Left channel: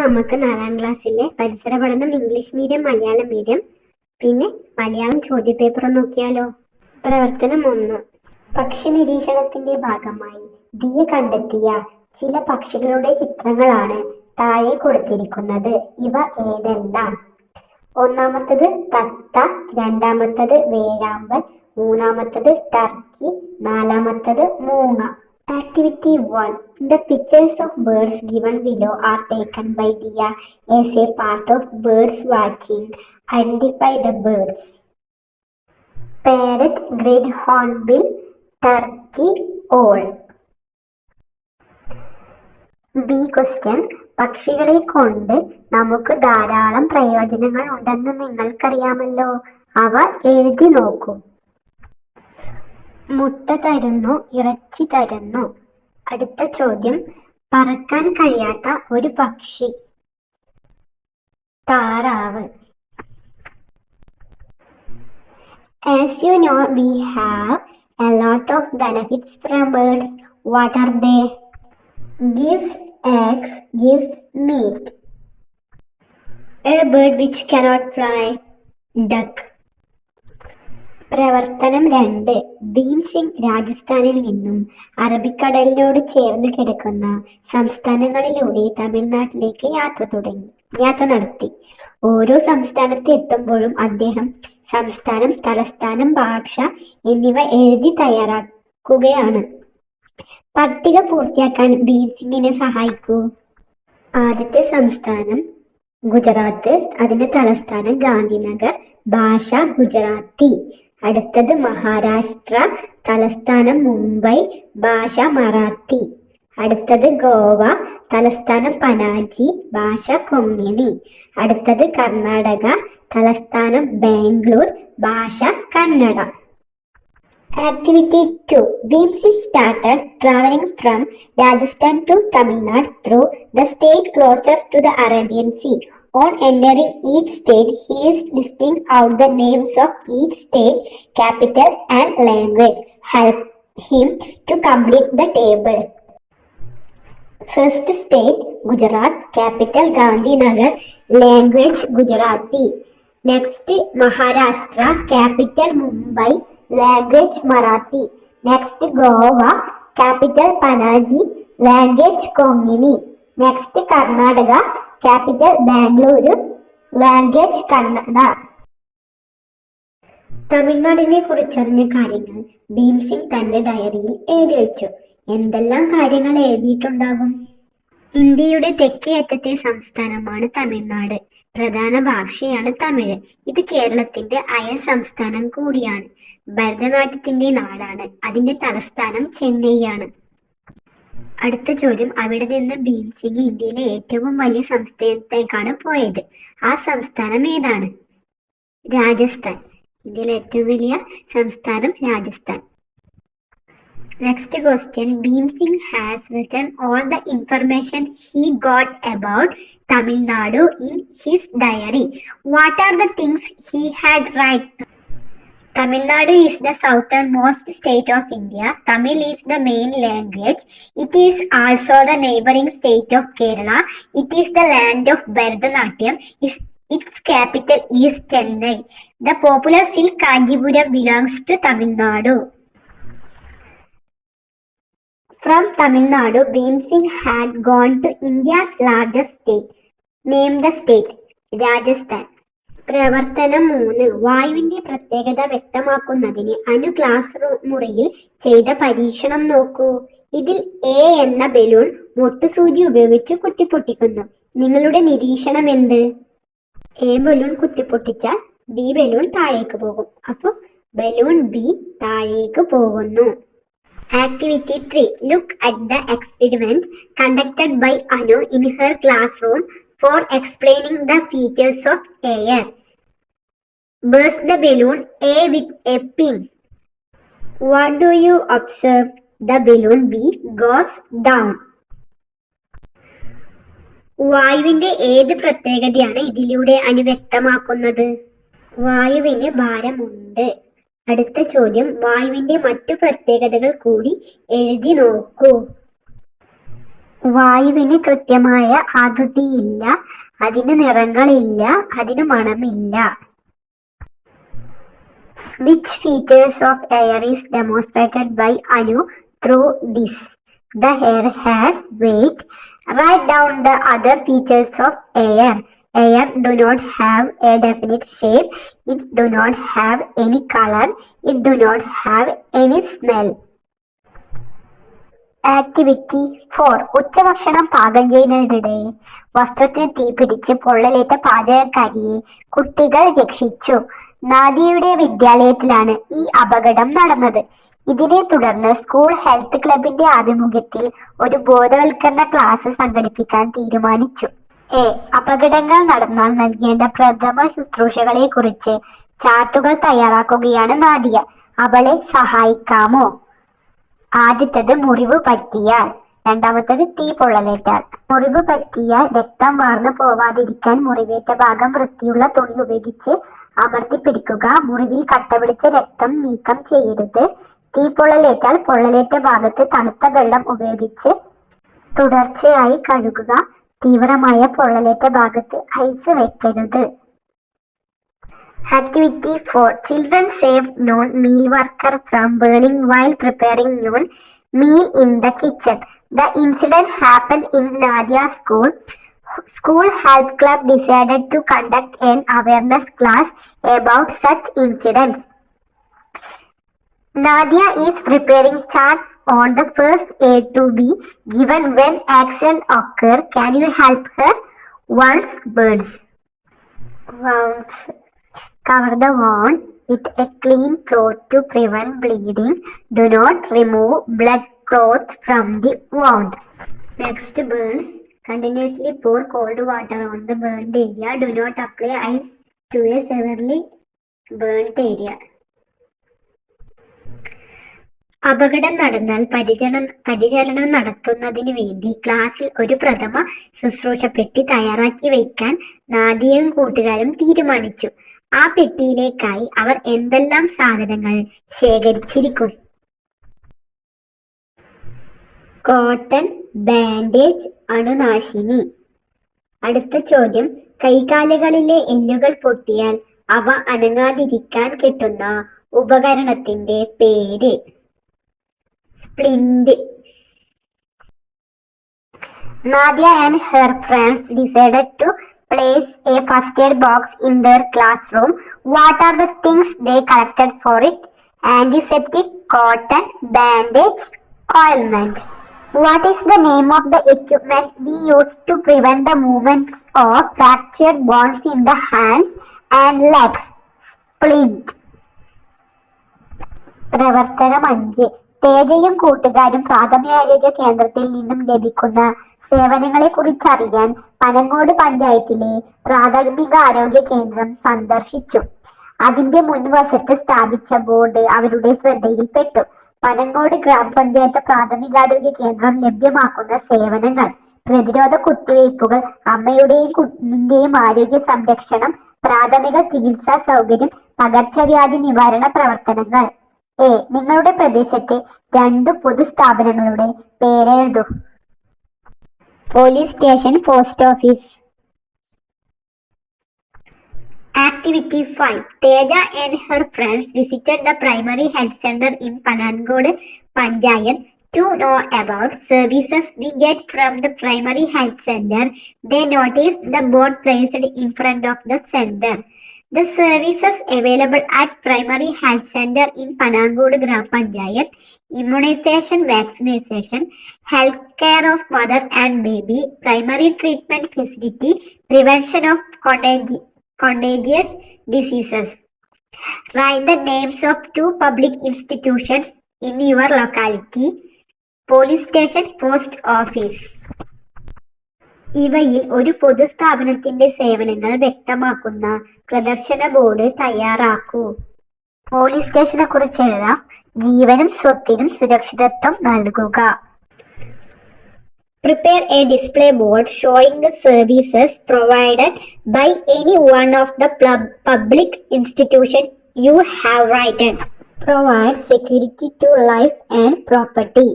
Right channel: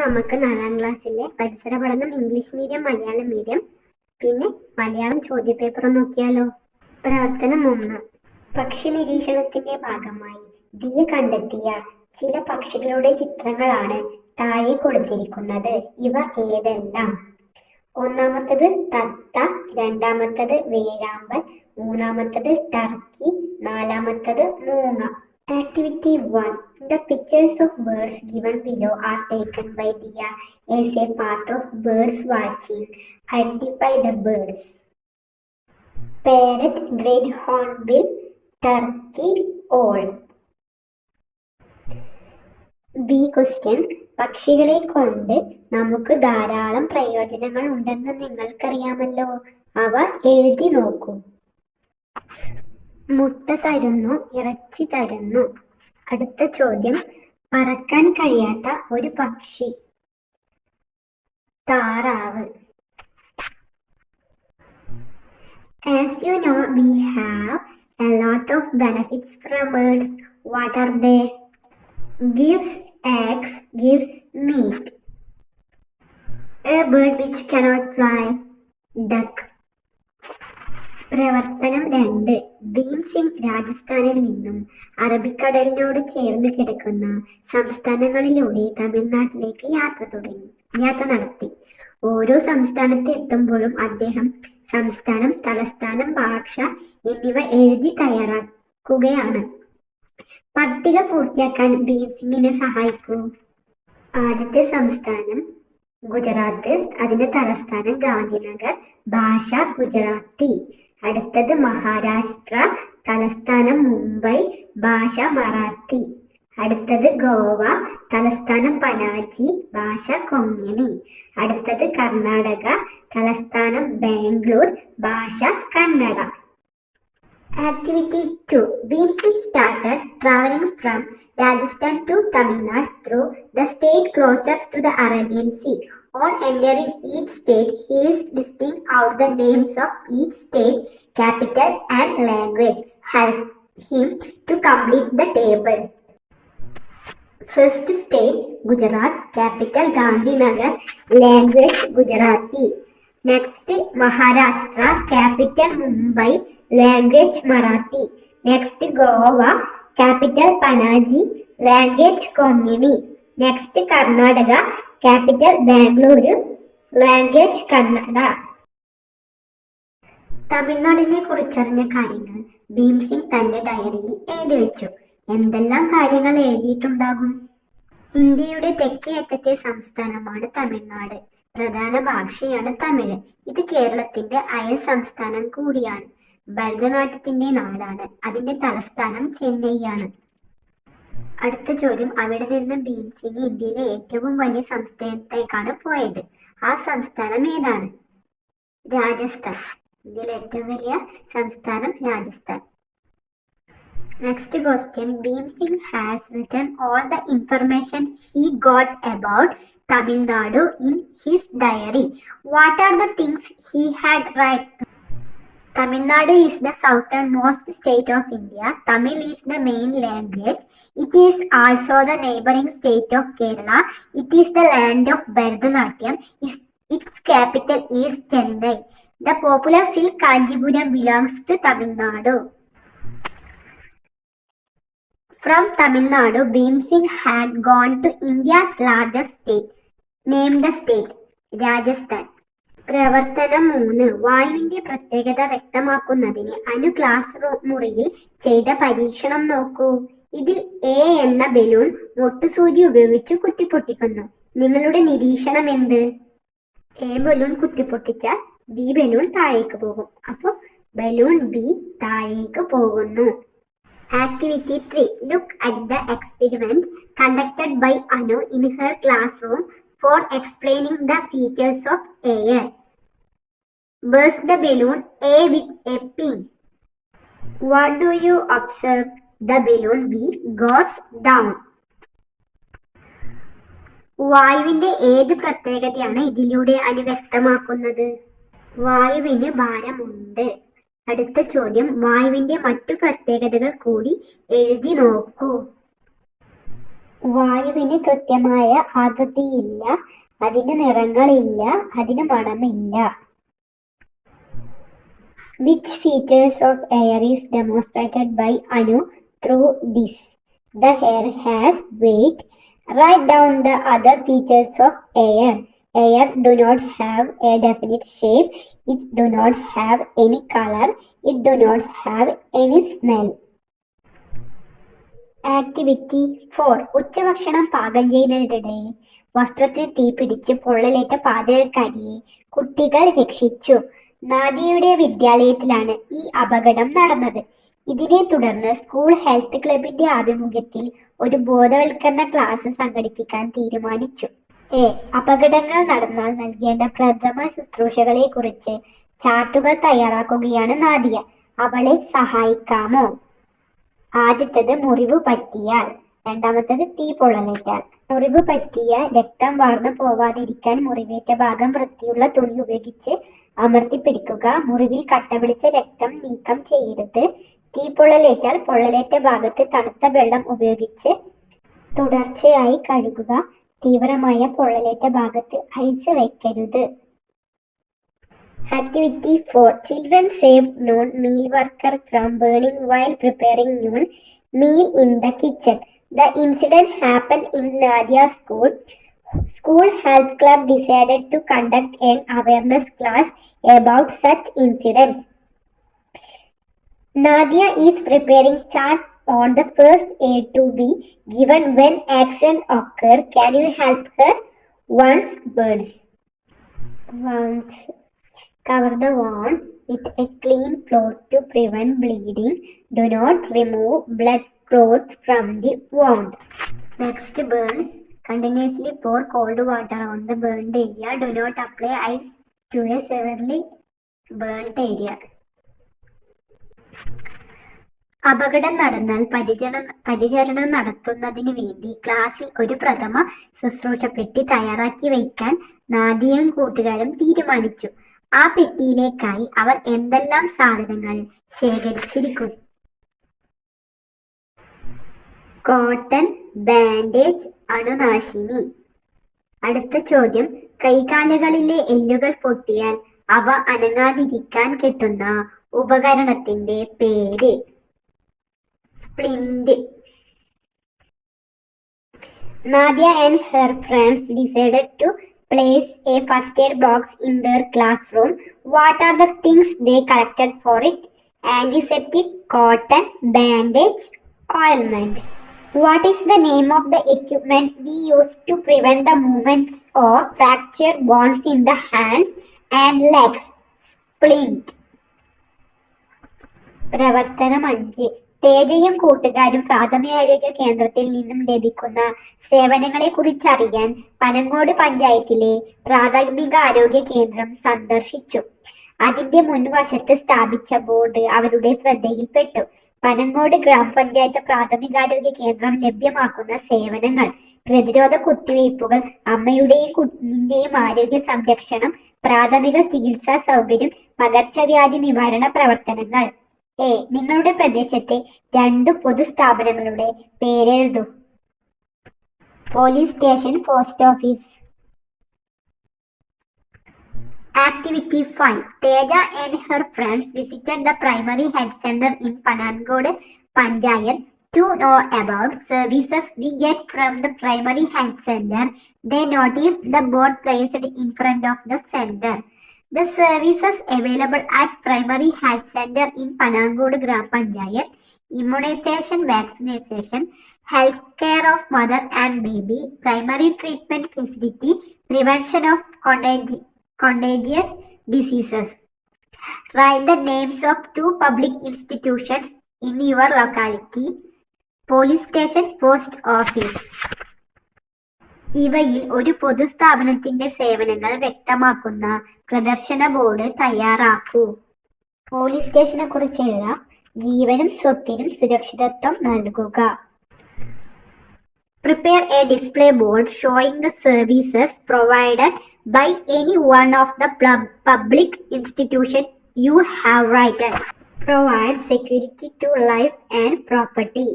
നമുക്ക് 4ാം ക്ലാസ്സിലെ പരിസര പഠനം ഇംഗ്ലീഷ് മീഡിയം, മലയാളം മീഡിയം, പിന്നെ മലയാളം ചോദ്യപേപ്പർ നോക്കിയാലോ. പ്രവർത്തനം 1. പക്ഷി നിരീക്ഷണത്തിന്റെ ഭാഗമായി ദിയ കണ്ടെത്തിയ ചില പക്ഷികളുടെ ചിത്രങ്ങളാണ് താഴെ കൊടുത്തിരിക്കുന്നത്. ഇവ ഏതെല്ലാം? ഒന്നാമത്തത് തത്ത, രണ്ടാമത്തത് വേഴാമ്പൽ, മൂന്നാമത്തത് ടർക്കി, നാലാമത്തത് മൂങ്ങ. Activity 1. The pictures of birds given below are taken by Diya as a part of birds watching. Identify the birds. Parrot, great hornbill, turkey, owl. B question. പക്ഷികളെ കൊണ്ട് നമുക്ക് ധാരാളം പ്രയോജനങ്ങൾ ഉണ്ടെന്ന് നിങ്ങൾക്കറിയാമല്ലോ. അവ എഴുതി നോക്കൂ. മുട്ട തരുന്നു, ഇറച്ചി തരുന്നു. അടുത്ത ചോദ്യം, പറക്കാൻ കഴിയാത്ത ഒരു പക്ഷി. താറാവ്. As you know, we have a lot of benefits from birds. What are they? Gives eggs, gives meat. A bird which cannot fly. Duck. പ്രവർത്തനം 2. ഭീം സിംഗ് രാജസ്ഥാനിൽ നിന്നും അറബിക്കടലിനോട് ചേർന്ന് കിടക്കുന്ന സംസ്ഥാനങ്ങളിലൂടെ തമിഴ്നാട്ടിലേക്ക് യാത്ര നടത്തി. ഓരോ സംസ്ഥാനത്ത് എത്തുമ്പോഴും അദ്ദേഹം സംസ്ഥാനം, തലസ്ഥാനം, ഭാഷ എന്നിവ എഴുതി തയ്യാറാക്കുകയാണ്. പട്ടിക പൂർത്തിയാക്കാൻ ഭീം സിംഗിനെ സഹായിക്കൂ. ആദ്യത്തെ സംസ്ഥാനം ഗുജറാത്ത്, അതിന്റെ തലസ്ഥാനം ഗാന്ധിനഗർ, ഭാഷ ഗുജറാത്തി. അടുത്തത് മഹാരാഷ്ട്ര, തലസ്ഥാനം മുംബൈ, ഭാഷ മറാത്തി. അടുത്തത് ഗോവ, തലസ്ഥാനം പനാജി, ഭാഷ കൊങ്ങിണി. അടുത്തത് കർണാടക, തലസ്ഥാനം ബാംഗ്ലൂർ, ഭാഷ Kannada. Activity 2. Bhim Singh started traveling from Rajasthan to Tamil Nadu through the state closer to the Arabian Sea. On entering each state, he is listing out the names of each state, capital and language. Help him to complete the table. First state, Gujarat, capital Gandhinagar, language Gujarati. Next, Maharashtra, capital Mumbai, language Marathi. Next, Goa, capital Panaji, language Konkani. Next, Karnataka, capital Bangalore, language Kannada. തമിഴ്നാടിനെ കുറിച്ചറിഞ്ഞ കാര്യങ്ങൾ ഭീം സിംഗ് തന്റെ ഡയറിയിൽ എഴുതി വെച്ചു. എന്തെല്ലാം കാര്യങ്ങൾ എഴുതിയിട്ടുണ്ടാകും? ഇന്ത്യയുടെ തെക്കേ അറ്റത്തെ സംസ്ഥാനമാണ് തമിഴ്നാട്. പ്രധാന ഭാഷയാണ് തമിഴ്. ഇത് കേരളത്തിന്റെ അയൽ സംസ്ഥാനം കൂടിയാണ്. ഭരതനാട്യത്തിന്റെ നാടാണ്. അതിന്റെ തലസ്ഥാനം ചെന്നൈയാണ്. അടുത്ത ചോദ്യം, അവിടെ നിന്ന് ഭീം സിംഗ് ഇന്ത്യയിലെ ഏറ്റവും വലിയ സംസ്ഥാനത്തേക്കാണ് പോയത്. ആ സംസ്ഥാനം ഏതാണ്? രാജസ്ഥാൻ. ഇന്ത്യയിലെ ഏറ്റവും വലിയ സംസ്ഥാനം Rajasthan. Next question. Bhim Singh has written all the information he got about Tamil Nadu in his diary. What are the things he had written? Tamil Nadu is the southernmost state of India. Tamil is the main language. It is also the neighboring state of Kerala. It is the land of Bharatanatyam. Its capital is Chennai. The popular silk Kanjipuram belongs to Tamil Nadu. From Tamil Nadu, Bhim Singh had gone to India's largest state. Name the state. Rajasthan. പ്രവർത്തനം 3. വായുവിന്റെ പ്രത്യേകത വ്യക്തമാക്കുന്നതിന് class മുറിയിൽ ചെയ്ത പരീക്ഷണം നോക്കൂ. ഇതിൽ A എന്ന balloon മൊട്ടുസൂചി ഉപയോഗിച്ച് കുത്തിപ്പൊട്ടിക്കുന്നു. നിങ്ങളുടെ നിരീക്ഷണം എന്ത്? എ ബലൂൺ കുത്തിപ്പൊട്ടിച്ചാൽ ബി ബലൂൺ താഴേക്ക് പോകും. അപ്പോൾ ബലൂൺ ബി താഴേക്ക് പോകുന്നു. Activity 3. Look at the experiment conducted by Anu in her classroom for explaining the features of air. Burst the balloon A with a pin. What do you observe? The balloon B goes down. വായുവിന്റെ ഏത് പ്രത്യേകതയാണ് ഇതിലൂടെ അനു വ്യക്തമാക്കുന്നത്? വായുവിന് ഭാരമുണ്ട്. അടുത്ത ചോദ്യം, വായുവിന്റെ മറ്റു പ്രത്യേകതകൾ കൂടി എഴുതി നോക്കൂ. വായുവിന് കൃത്യമായ ആകൃതിയില്ല, അതിന് നിറങ്ങളില്ല, അതിന് മണമില്ല. Which features of air is demonstrated by Anu through this? The air has weight. Write down the other features of air. Air do not have a definite shape. It do not have any color. It do not have any smell. Activity 4. ഉച്ചഭക്ഷണം പാകം ചെയ്യുന്നതിനിടെ വസ്ത്രത്തിന് തീപിടിച്ച് പൊള്ളലേറ്റ പാചകക്കാരിയെ കുട്ടികൾ രക്ഷിച്ചു. നാദിയയുടെ വിദ്യാലയത്തിലാണ് ഈ അപകടം നടന്നത്. ഇതിനെ തുടർന്ന് സ്കൂൾ ഹെൽത്ത് ക്ലബിന്റെ ആഭിമുഖ്യത്തിൽ ഒരു ബോധവൽക്കരണ ക്ലാസ് സംഘടിപ്പിക്കാൻ തീരുമാനിച്ചു. അപകടങ്ങൾ നടന്നാൽ നൽകേണ്ട പ്രഥമ ശുശ്രൂഷകളെ കുറിച്ച് ചാർട്ടുകൾ തയ്യാറാക്കുകയാണ് നാദിയ. അവളെ സഹായിക്കാമോ? ആദ്യത്തേത് മുറിവ് പറ്റിയാൽ, രണ്ടാമത്തേത് തീ പൊള്ളലേറ്റാൽ. മുറിവ് പറ്റിയാൽ രക്തം വാർന്നു പോവാതിരിക്കാൻ മുറിവേറ്റ ഭാഗം വൃത്തിയുള്ള തുണി ഉപയോഗിച്ച് അമർത്തി പിടിക്കുക. മുറിവിൽ കട്ട പിടിച്ച രക്തം നീക്കം ചെയ്യരുത്. തീ പൊള്ളലേറ്റാൽ പൊള്ളലേറ്റ ഭാഗത്ത് തണുത്ത വെള്ളം ഉപയോഗിച്ച് തുടർച്ചയായി കഴുകുക. തീവ്രമായ പൊള്ളലേറ്റ ഭാഗത്ത് ഐസ് വെക്കരുത്. Activity 4. Children saved non-meal worker from burning while preparing non-meal in the kitchen. The incident happened in Nadia's school. School Health Club decided to conduct an awareness class about such incidents. Nadia is preparing chart on the first aid to be given when accident occur. Can you help her? Wounds, burns. Wounds. Cover the wound with a clean cloth to prevent bleeding. Do not remove blood cloth from the wound. Next, burns. Continuously pour cold water on the burned area. Do not apply ice to a severely burnt area. അപകടം നടന്നാൽ പരിചരണം നടത്തുന്നതിന് വേണ്ടി ക്ലാസ്സിൽ ഒരു പ്രഥമ ശുശ്രൂഷ പെട്ടി തയ്യാറാക്കി വയ്ക്കാൻ നാദിയയും കൂട്ടുകാരും തീരുമാനിച്ചു. ആ പെട്ടിയിലേക്കായി അവർ എന്തെല്ലാം സാധനങ്ങൾ ശേഖരിച്ചിരിക്കും? Cotton, bandage, അണുനാശിനി. അടുത്ത ചോദ്യം, കൈകാലുകളിലെ എല്ലുകൾ പൊട്ടിയാൽ അവ അനങ്ങാതിരിക്കാൻ കിട്ടുന്ന ഉപകരണത്തിന്റെ പേര്? Splint. Nadia and her friends decided to place a first aid box in their classroom. What are the things they collected for it? Antiseptic, cotton, bandage, ointment. What is the name of the equipment we use to prevent the movements of fractured bones in the hands and legs? Splint. പ്രവർത്തനം 5. തേജയും കൂട്ടുകാരും പ്രാഥമികാരോഗ്യ കേന്ദ്രത്തിൽ നിന്നും ലഭിക്കുന്ന സേവനങ്ങളെ കുറിച്ചറിയാൻ പനങ്ങോട് പഞ്ചായത്തിലെ പ്രാഥമികാരോഗ്യ കേന്ദ്രം സന്ദർശിച്ചു. അതിന്റെ മുൻവശത്ത് സ്ഥാപിച്ച ബോർഡ് അവരുടെ ശ്രദ്ധയിൽപ്പെട്ടു. പനങ്ങോട് ഗ്രാമപഞ്ചായത്ത് പ്രാഥമികാരോഗ്യ കേന്ദ്രം ലഭ്യമാക്കുന്ന സേവനങ്ങൾ: പ്രതിരോധ കുത്തിവയ്പ്പുകൾ, അമ്മയുടെയും കുഞ്ഞിന്റെയും ആരോഗ്യ സംരക്ഷണം, പ്രാഥമിക ചികിത്സാ സൗകര്യം, പകർച്ചവ്യാധി നിവാരണ പ്രവർത്തനങ്ങൾ. നിങ്ങളുടെ പ്രദേശത്തെ 2 പൊതുസ്ഥാപനങ്ങളുടെ പേരെഴുതൂ. Police station, post office. Activity 5. Teja and her friends visited the primary health center in Panangod Panchayat to know about services we get from the primary health center. They noticed the board placed in front of the center. The services available at primary health center in Panangod Gram Panchayat: immunization, vaccination, health care of mother and baby, primary treatment facility, prevention of contagious diseases. Write the names of 2 public institutions in your locality. Police station, post office. ഇവയിൽ ഒരു പൊതുസ്ഥാപനത്തിന്റെ സേവനങ്ങൾ വ്യക്തമാക്കുന്ന പ്രദർശന board തയ്യാറാക്കൂ. Police സ്റ്റേഷനെ കുറിച്ച് എഴുതാം. ജീവനും സ്വത്തിനും സുരക്ഷിതത്വം നൽകുക. Prepare a display board showing the services provided by any one of the public institution you have written. Provide security to life and property.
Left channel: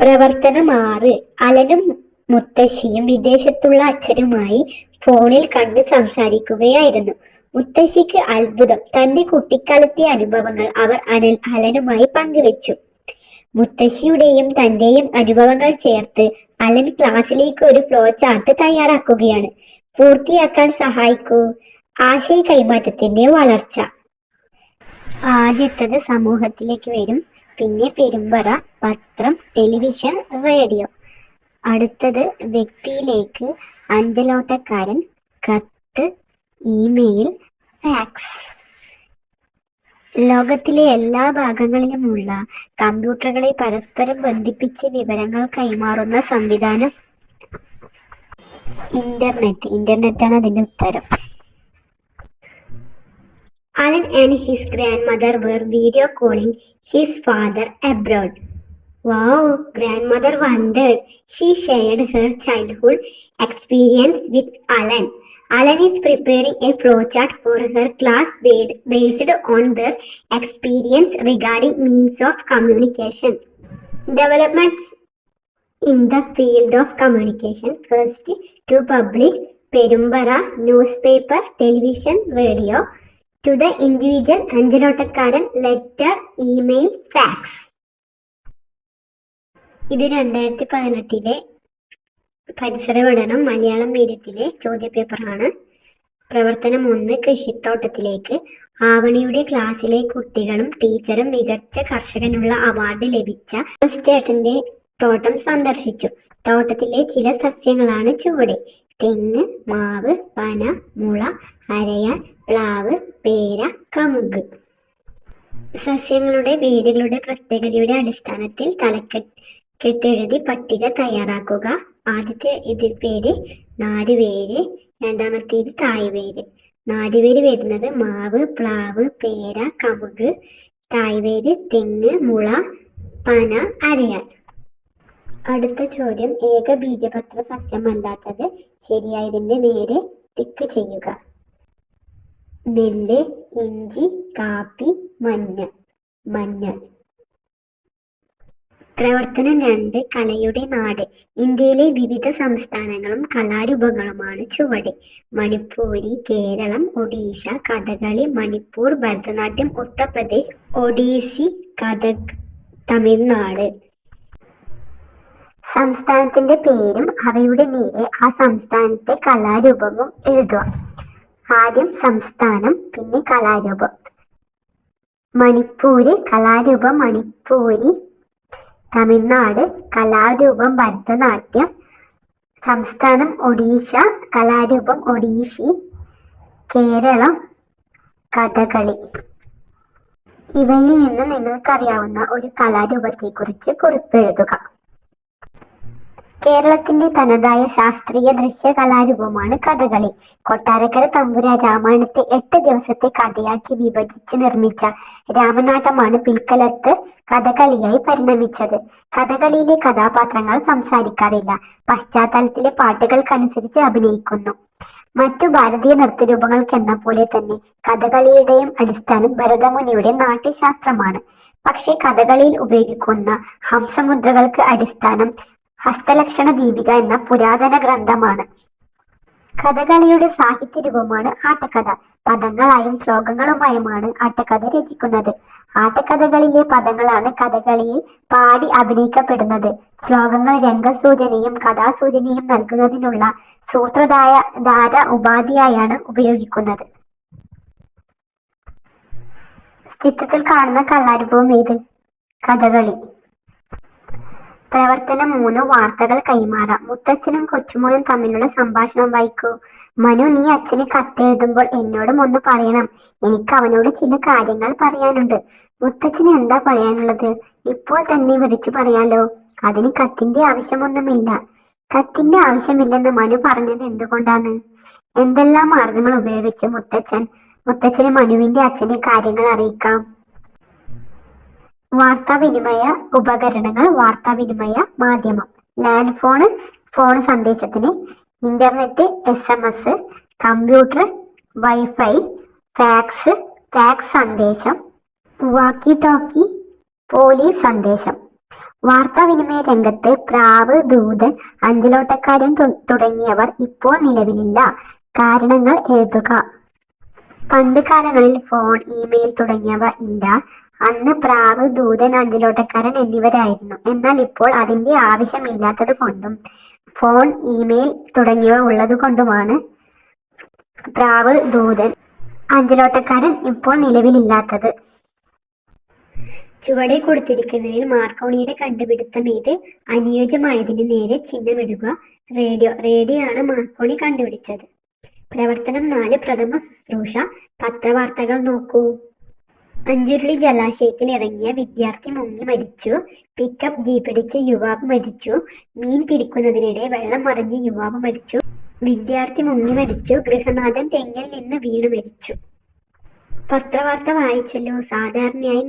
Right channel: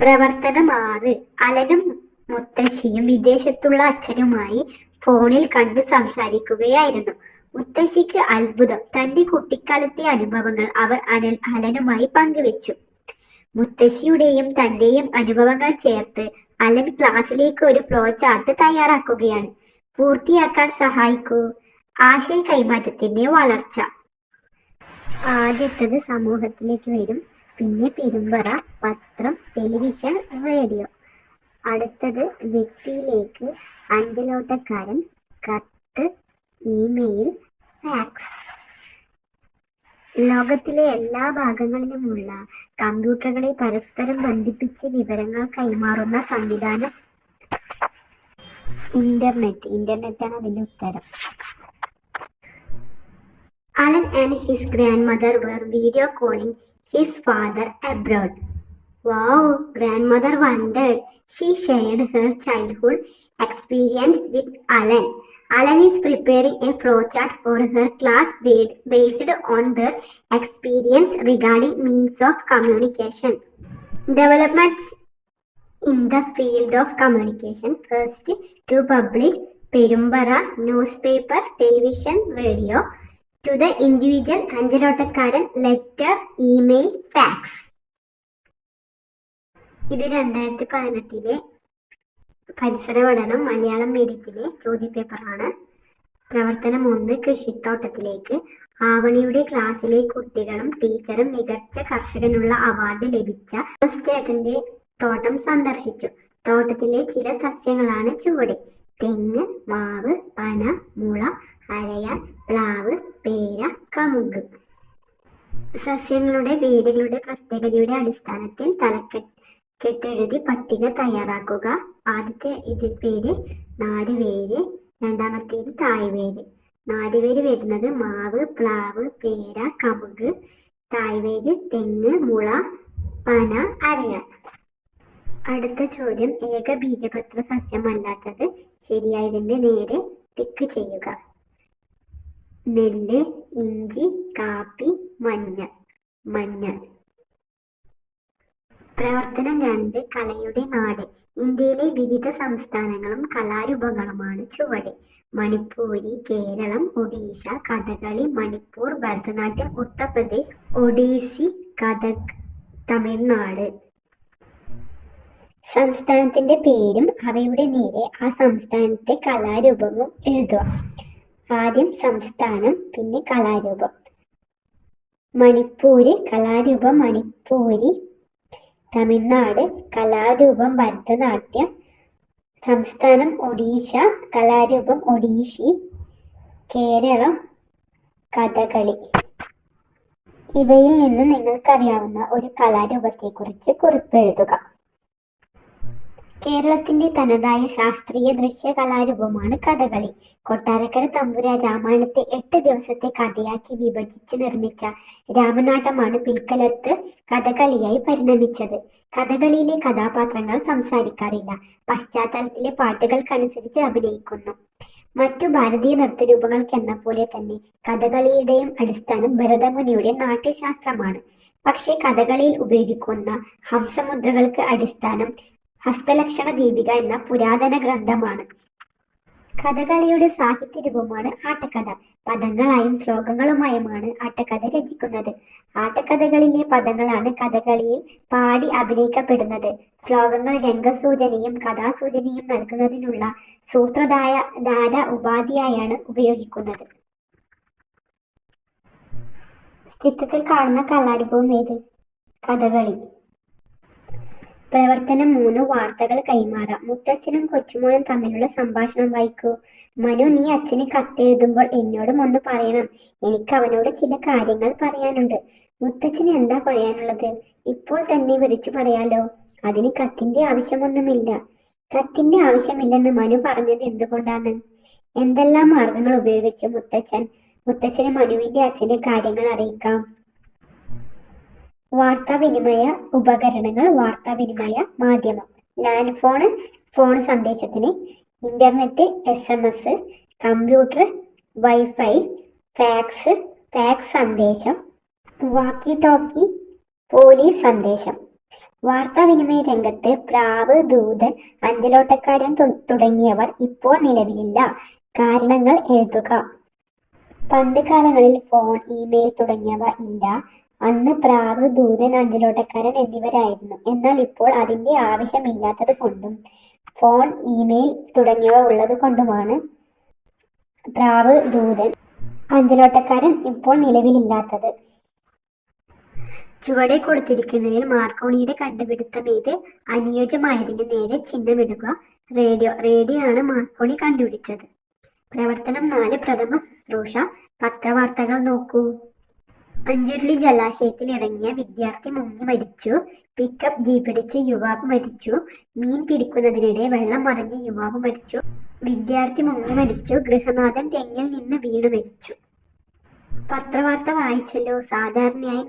പ്രവർത്തനം 6. അലനും മുത്തശ്ശിയും വിദേശത്തുള്ള അച്ഛനുമായി ഫോണിൽ കണ്ട് സംസാരിക്കുകയായിരുന്നു. മുത്തശ്ശിക്ക് അത്ഭുതം. തന്റെ കുട്ടിക്കാലത്തെ അനുഭവങ്ങൾ അവർ അലനുമായി പങ്കുവെച്ചു. മുത്തശ്ശിയുടെയും തന്റെയും അനുഭവങ്ങൾ ചേർത്ത് അലൻ ക്ലാസ്സിലേക്ക് ഒരു ഫ്ലോ ചാർട്ട് തയ്യാറാക്കുകയാണ്. പൂർത്തിയാക്കാൻ സഹായിക്കൂ. ആശയ കൈമാറ്റത്തിന്റെ വളർച്ച. ആദ്യത്തത് സമൂഹത്തിലേക്ക് വരും, പിന്നെ പെരുമ്പറ, പത്രം, ടെലിവിഷൻ, റേഡിയോ. അടുത്തത് വ്യക്തിയിലേക്ക്, അഞ്ചലോട്ടക്കാരൻ, കത്ത്, ഇമെയിൽ, ഫാക്സ്. ലോകത്തിലെ എല്ലാ ഭാഗങ്ങളിലുമുള്ള കമ്പ്യൂട്ടറുകളെ പരസ്പരം ബന്ധിപ്പിച്ച് വിവരങ്ങൾ കൈമാറുന്ന സംവിധാനം ഇന്റർനെറ്റാണ് അതിന്റെ ഉത്തരം. Alan and his grandmother were video calling his father abroad. Wow, grandmother wondered. She shared her childhood experience with Alan. Alan is preparing a flowchart for her class based on their experience regarding means of communication. Developments in the field of communication. First, to public, Perumbara, newspaper, television, radio. To the individual, അഞ്ചലോട്ടക്കാരൻ, letter, email, fax. ഇത് 2018 പരിസര പഠനം മലയാളം മീഡിയത്തിലെ ചോദ്യപേപ്പറാണ്. പ്രവർത്തനം 1. കൃഷിത്തോട്ടത്തിലേക്ക്. ആവണിയുടെ ക്ലാസ്സിലെ കുട്ടികളും ടീച്ചറും മികച്ച കർഷകനുള്ള award ലഭിച്ച ചേട്ടന്റെ തോട്ടം സന്ദർശിച്ചു. തോട്ടത്തിലെ ചില സസ്യങ്ങളാണ് ചുവടെ: തെങ്ങ്, മാവ്, പന, മുള, അരയാൻ, പ്ലാവ്, പേര, കമുക്. സസ്യങ്ങളുടെ വേരുകളുടെ പ്രത്യേകതയുടെ അടിസ്ഥാനത്തിൽ തലക്കെട്ടെഴുതി പട്ടിക തയ്യാറാക്കുക. ആദ്യത്തെ ഇതിൽ പേര് നാരുവേര്, രണ്ടാമത്തേത് തായ്വേര്. നാരുവേര് വരുന്നത് മാവ്, പ്ലാവ്, പേര, കമുക്. തായ്വേര് തെങ്ങ്, മുള, പന, അരയാൻ. അടുത്ത ചോദ്യം, ഏകബീജപത്ര സസ്യമല്ലാത്തത്. ശരിയായതിന്റെ നേരെ ടിക്ക് ചെയ്യുക. നെല്ല്, ഇഞ്ചി, കാപ്പി, മഞ്ഞൾ. പ്രവർത്തനം 2. കലയുടെ നാട്. ഇന്ത്യയിലെ വിവിധ സംസ്ഥാനങ്ങളും കലാരൂപങ്ങളുമാണ് ചുവടെ: മണിപ്പൂരി, കേരളം, ഒഡീഷ, കഥകളി, മണിപ്പൂർ, ഭരതനാട്യം, ഉത്തർപ്രദേശ്, ഒഡീസി, കഥക്, തമിഴ്നാട്. സംസ്ഥാനത്തിന്റെ പേരും അവയുടെ നേരെ ആ സംസ്ഥാനത്തെ കലാരൂപവും എഴുതുക. ആദ്യം സംസ്ഥാനം, പിന്നെ കലാരൂപം. മണിപ്പൂര്, കലാരൂപം മണിപ്പൂരി. തമിഴ്നാട്, കലാരൂപം ഭരതനാട്യം. സംസ്ഥാനം ഒഡീഷ, കലാരൂപം ഒഡീഷി. കേരളം, കഥകളി. ഇവയിൽ നിന്ന് നിങ്ങൾക്കറിയാവുന്ന ഒരു കലാരൂപത്തെക്കുറിച്ച് കുറിപ്പെഴുതുക. കേരളത്തിന്റെ തനതായ ശാസ്ത്രീയ ദൃശ്യ കലാരൂപമാണ് കഥകളി. കൊട്ടാരക്കര തമ്പുരാൻ രാമായണത്തെ 8 ദിവസത്തെ കഥയാക്കി വിഭജിച്ച് നിർമ്മിച്ച രാമനാട്ടമാണ് പിൽക്കാലത്ത് കഥകളിയായി പരിണമിച്ചത്. കഥകളിയിലെ കഥാപാത്രങ്ങൾ സംസാരിക്കാറില്ല, പശ്ചാത്തലത്തിലെ പാട്ടുകൾക്കനുസരിച്ച് അഭിനയിക്കുന്നു. മറ്റു ഭാരതീയ നൃത്തരൂപങ്ങൾക്കെന്ന പോലെ തന്നെ കഥകളിയുടെയും അടിസ്ഥാനം ഭരതമുനിയുടെ നാട്യശാസ്ത്രമാണ്. പക്ഷേ കഥകളിയിൽ ഉപയോഗിക്കുന്ന ഹംസമുദ്രകൾക്ക് അടിസ്ഥാനം ഹസ്തലക്ഷണ ദീപിക എന്ന പുരാതന ഗ്രന്ഥമാണ്. കഥകളിയുടെ സാഹിത്യരൂപമാണ് ആട്ടക്കഥ. പദങ്ങളായും ശ്ലോകങ്ങളുമായുമാണ് ആട്ടക്കഥ രചിക്കുന്നത്. ആട്ടക്കഥകളിലെ പദങ്ങളാണ് കഥകളിയിൽ പാടി അഭിനയിക്കപ്പെടുന്നത്. ശ്ലോകങ്ങൾ രംഗസൂചനയും കഥാസൂചനയും നൽകുന്നതിനുള്ള സൂത്രധാര ഉപാധിയായാണ് ഉപയോഗിക്കുന്നത്. ചിത്രത്തിൽ കാണുന്ന കലാരൂപം ഏത്? കഥകളി. പ്രവർത്തനം 3. വാർത്തകൾ കൈമാറാം. മുത്തച്ഛനും കൊച്ചുമോനും തമ്മിലുള്ള സംഭാഷണം വായിക്കൂ. മനു, നീ അച്ഛന് കത്തെഴുതുമ്പോൾ എന്നോടും ഒന്ന് പറയണം. എനിക്ക് അവനോട് ചില കാര്യങ്ങൾ പറയാനുണ്ട്. മുത്തച്ഛന് എന്താ പറയാനുള്ളത്? ഇപ്പോൾ തന്നെ വിളിച്ചു പറയാലോ. അതിന് കത്തിന്റെ ആവശ്യമൊന്നുമില്ല. കത്തിന്റെ ആവശ്യമില്ലെന്ന് മനു പറഞ്ഞത് എന്തുകൊണ്ടാണ്? എന്തെല്ലാം മാർഗങ്ങൾ ഉപയോഗിച്ച് മുത്തച്ഛന് മനുവിന്റെ അച്ഛന്റെ കാര്യങ്ങൾ അറിയിക്കാം? വാർത്താവിനിമയ ഉപകരണങ്ങൾ, വാർത്താവിനിമയ മാധ്യമം. ലാൻഡ് ഫോൺ സന്ദേശത്തിന്, internet, SMS, computer, wifi, fax സന്ദേശം, വാക്കി ടോക്കി, പോലീസ് സന്ദേശം. വാർത്താവിനിമയ രംഗത്ത് പ്രാവ്, ദൂതൻ, അഞ്ചലോട്ടക്കാരൻ തുടങ്ങിയവർ ഇപ്പോൾ നിലവിലില്ല. കാരണങ്ങൾ എഴുതുക. പണ്ട് കാലങ്ങളിൽ ഫോൺ, ഇമെയിൽ തുടങ്ങിയവ ഇല്ല. അന്ന് പ്രാവ്, ദൂതൻ, അഞ്ചലോട്ടക്കാരൻ എന്നിവരായിരുന്നു. എന്നാൽ ഇപ്പോൾ അതിന്റെ ആവശ്യമില്ലാത്തത് കൊണ്ടും ഫോൺ, ഇമെയിൽ തുടങ്ങിയവ ഉള്ളത് കൊണ്ടുമാണ് പ്രാവ്, ദൂതൻ, അഞ്ചലോട്ടക്കാരൻ ഇപ്പോൾ നിലവിലില്ലാത്തത്. ചുവടെ കൊടുത്തിരിക്കുന്നതിൽ മാർക്കോണിയുടെ കണ്ടുപിടുത്തം ഏത്? അനുയോജ്യമായതിന് നേരെ ചിഹ്നമിടുക. റേഡിയോ ആണ് മാർക്കോണി കണ്ടുപിടിച്ചത്. പ്രവർത്തനം 4. പ്രഥമ ശുശ്രൂഷ. പത്രവാർത്തകൾ നോക്കൂ. അഞ്ചുരുളി ജലാശയത്തിൽ ഇറങ്ങിയ വിദ്യാർത്ഥി മുങ്ങി മരിച്ചു. പിക്കപ്പ് ജീപ്പിടിച്ച് യുവാവ് മരിച്ചു. മീൻ പിടിക്കുന്നതിനിടെ വെള്ളം മറിഞ്ഞ് യുവാവ് മരിച്ചു. വിദ്യാർത്ഥി മുങ്ങി മരിച്ചു. ഗൃഹനാഥൻ തെങ്ങിൽ നിന്ന് വീണ് മരിച്ചു. പത്രവാർത്ത വായിച്ചല്ലോ. സാധാരണയായി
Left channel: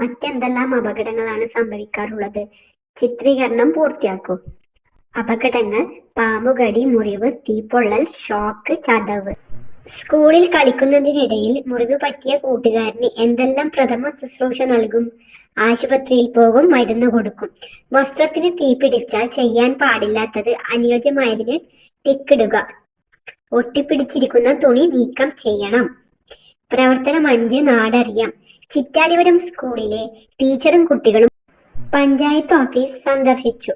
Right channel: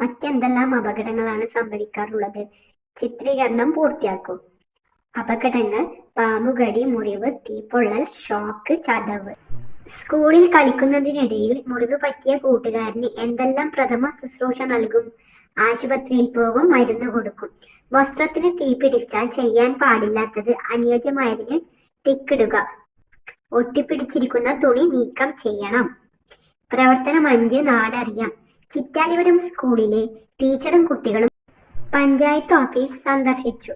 മറ്റെന്തെല്ലാം അപകടങ്ങളാണ് സംഭവിക്കാറുള്ളത്? ചിത്രീകരണം പൂർത്തിയാക്കൂ. അപകടങ്ങൾ: പാമ്പുകടി, മുറിവ്, തീപ്പൊള്ളൽ, ഷോക്ക്, ചതവ്. സ്കൂളിൽ കളിക്കുന്നതിനിടയിൽ മുറിവ് പറ്റിയ കൂട്ടുകാരന് എന്തെല്ലാം പ്രഥമ ശുശ്രൂഷ നൽകും? ആശുപത്രിയിൽ പോകും, മരുന്ന് കൊടുക്കും. വസ്ത്രത്തിന് തീ പിടിച്ചാൽ ചെയ്യാൻ പാടില്ലാത്തത്. അനുയോജ്യമായതിന് ടിക്കിടുക. ഒട്ടിപ്പിടിച്ചിരിക്കുന്ന തുണി നീക്കം ചെയ്യണം. പ്രവർത്തനം 5. നാടറിയാം. ചിറ്റാലിപുരം സ്കൂളിലെ ടീച്ചറും കുട്ടികളും പഞ്ചായത്ത് ഓഫീസ് സന്ദർശിച്ചു.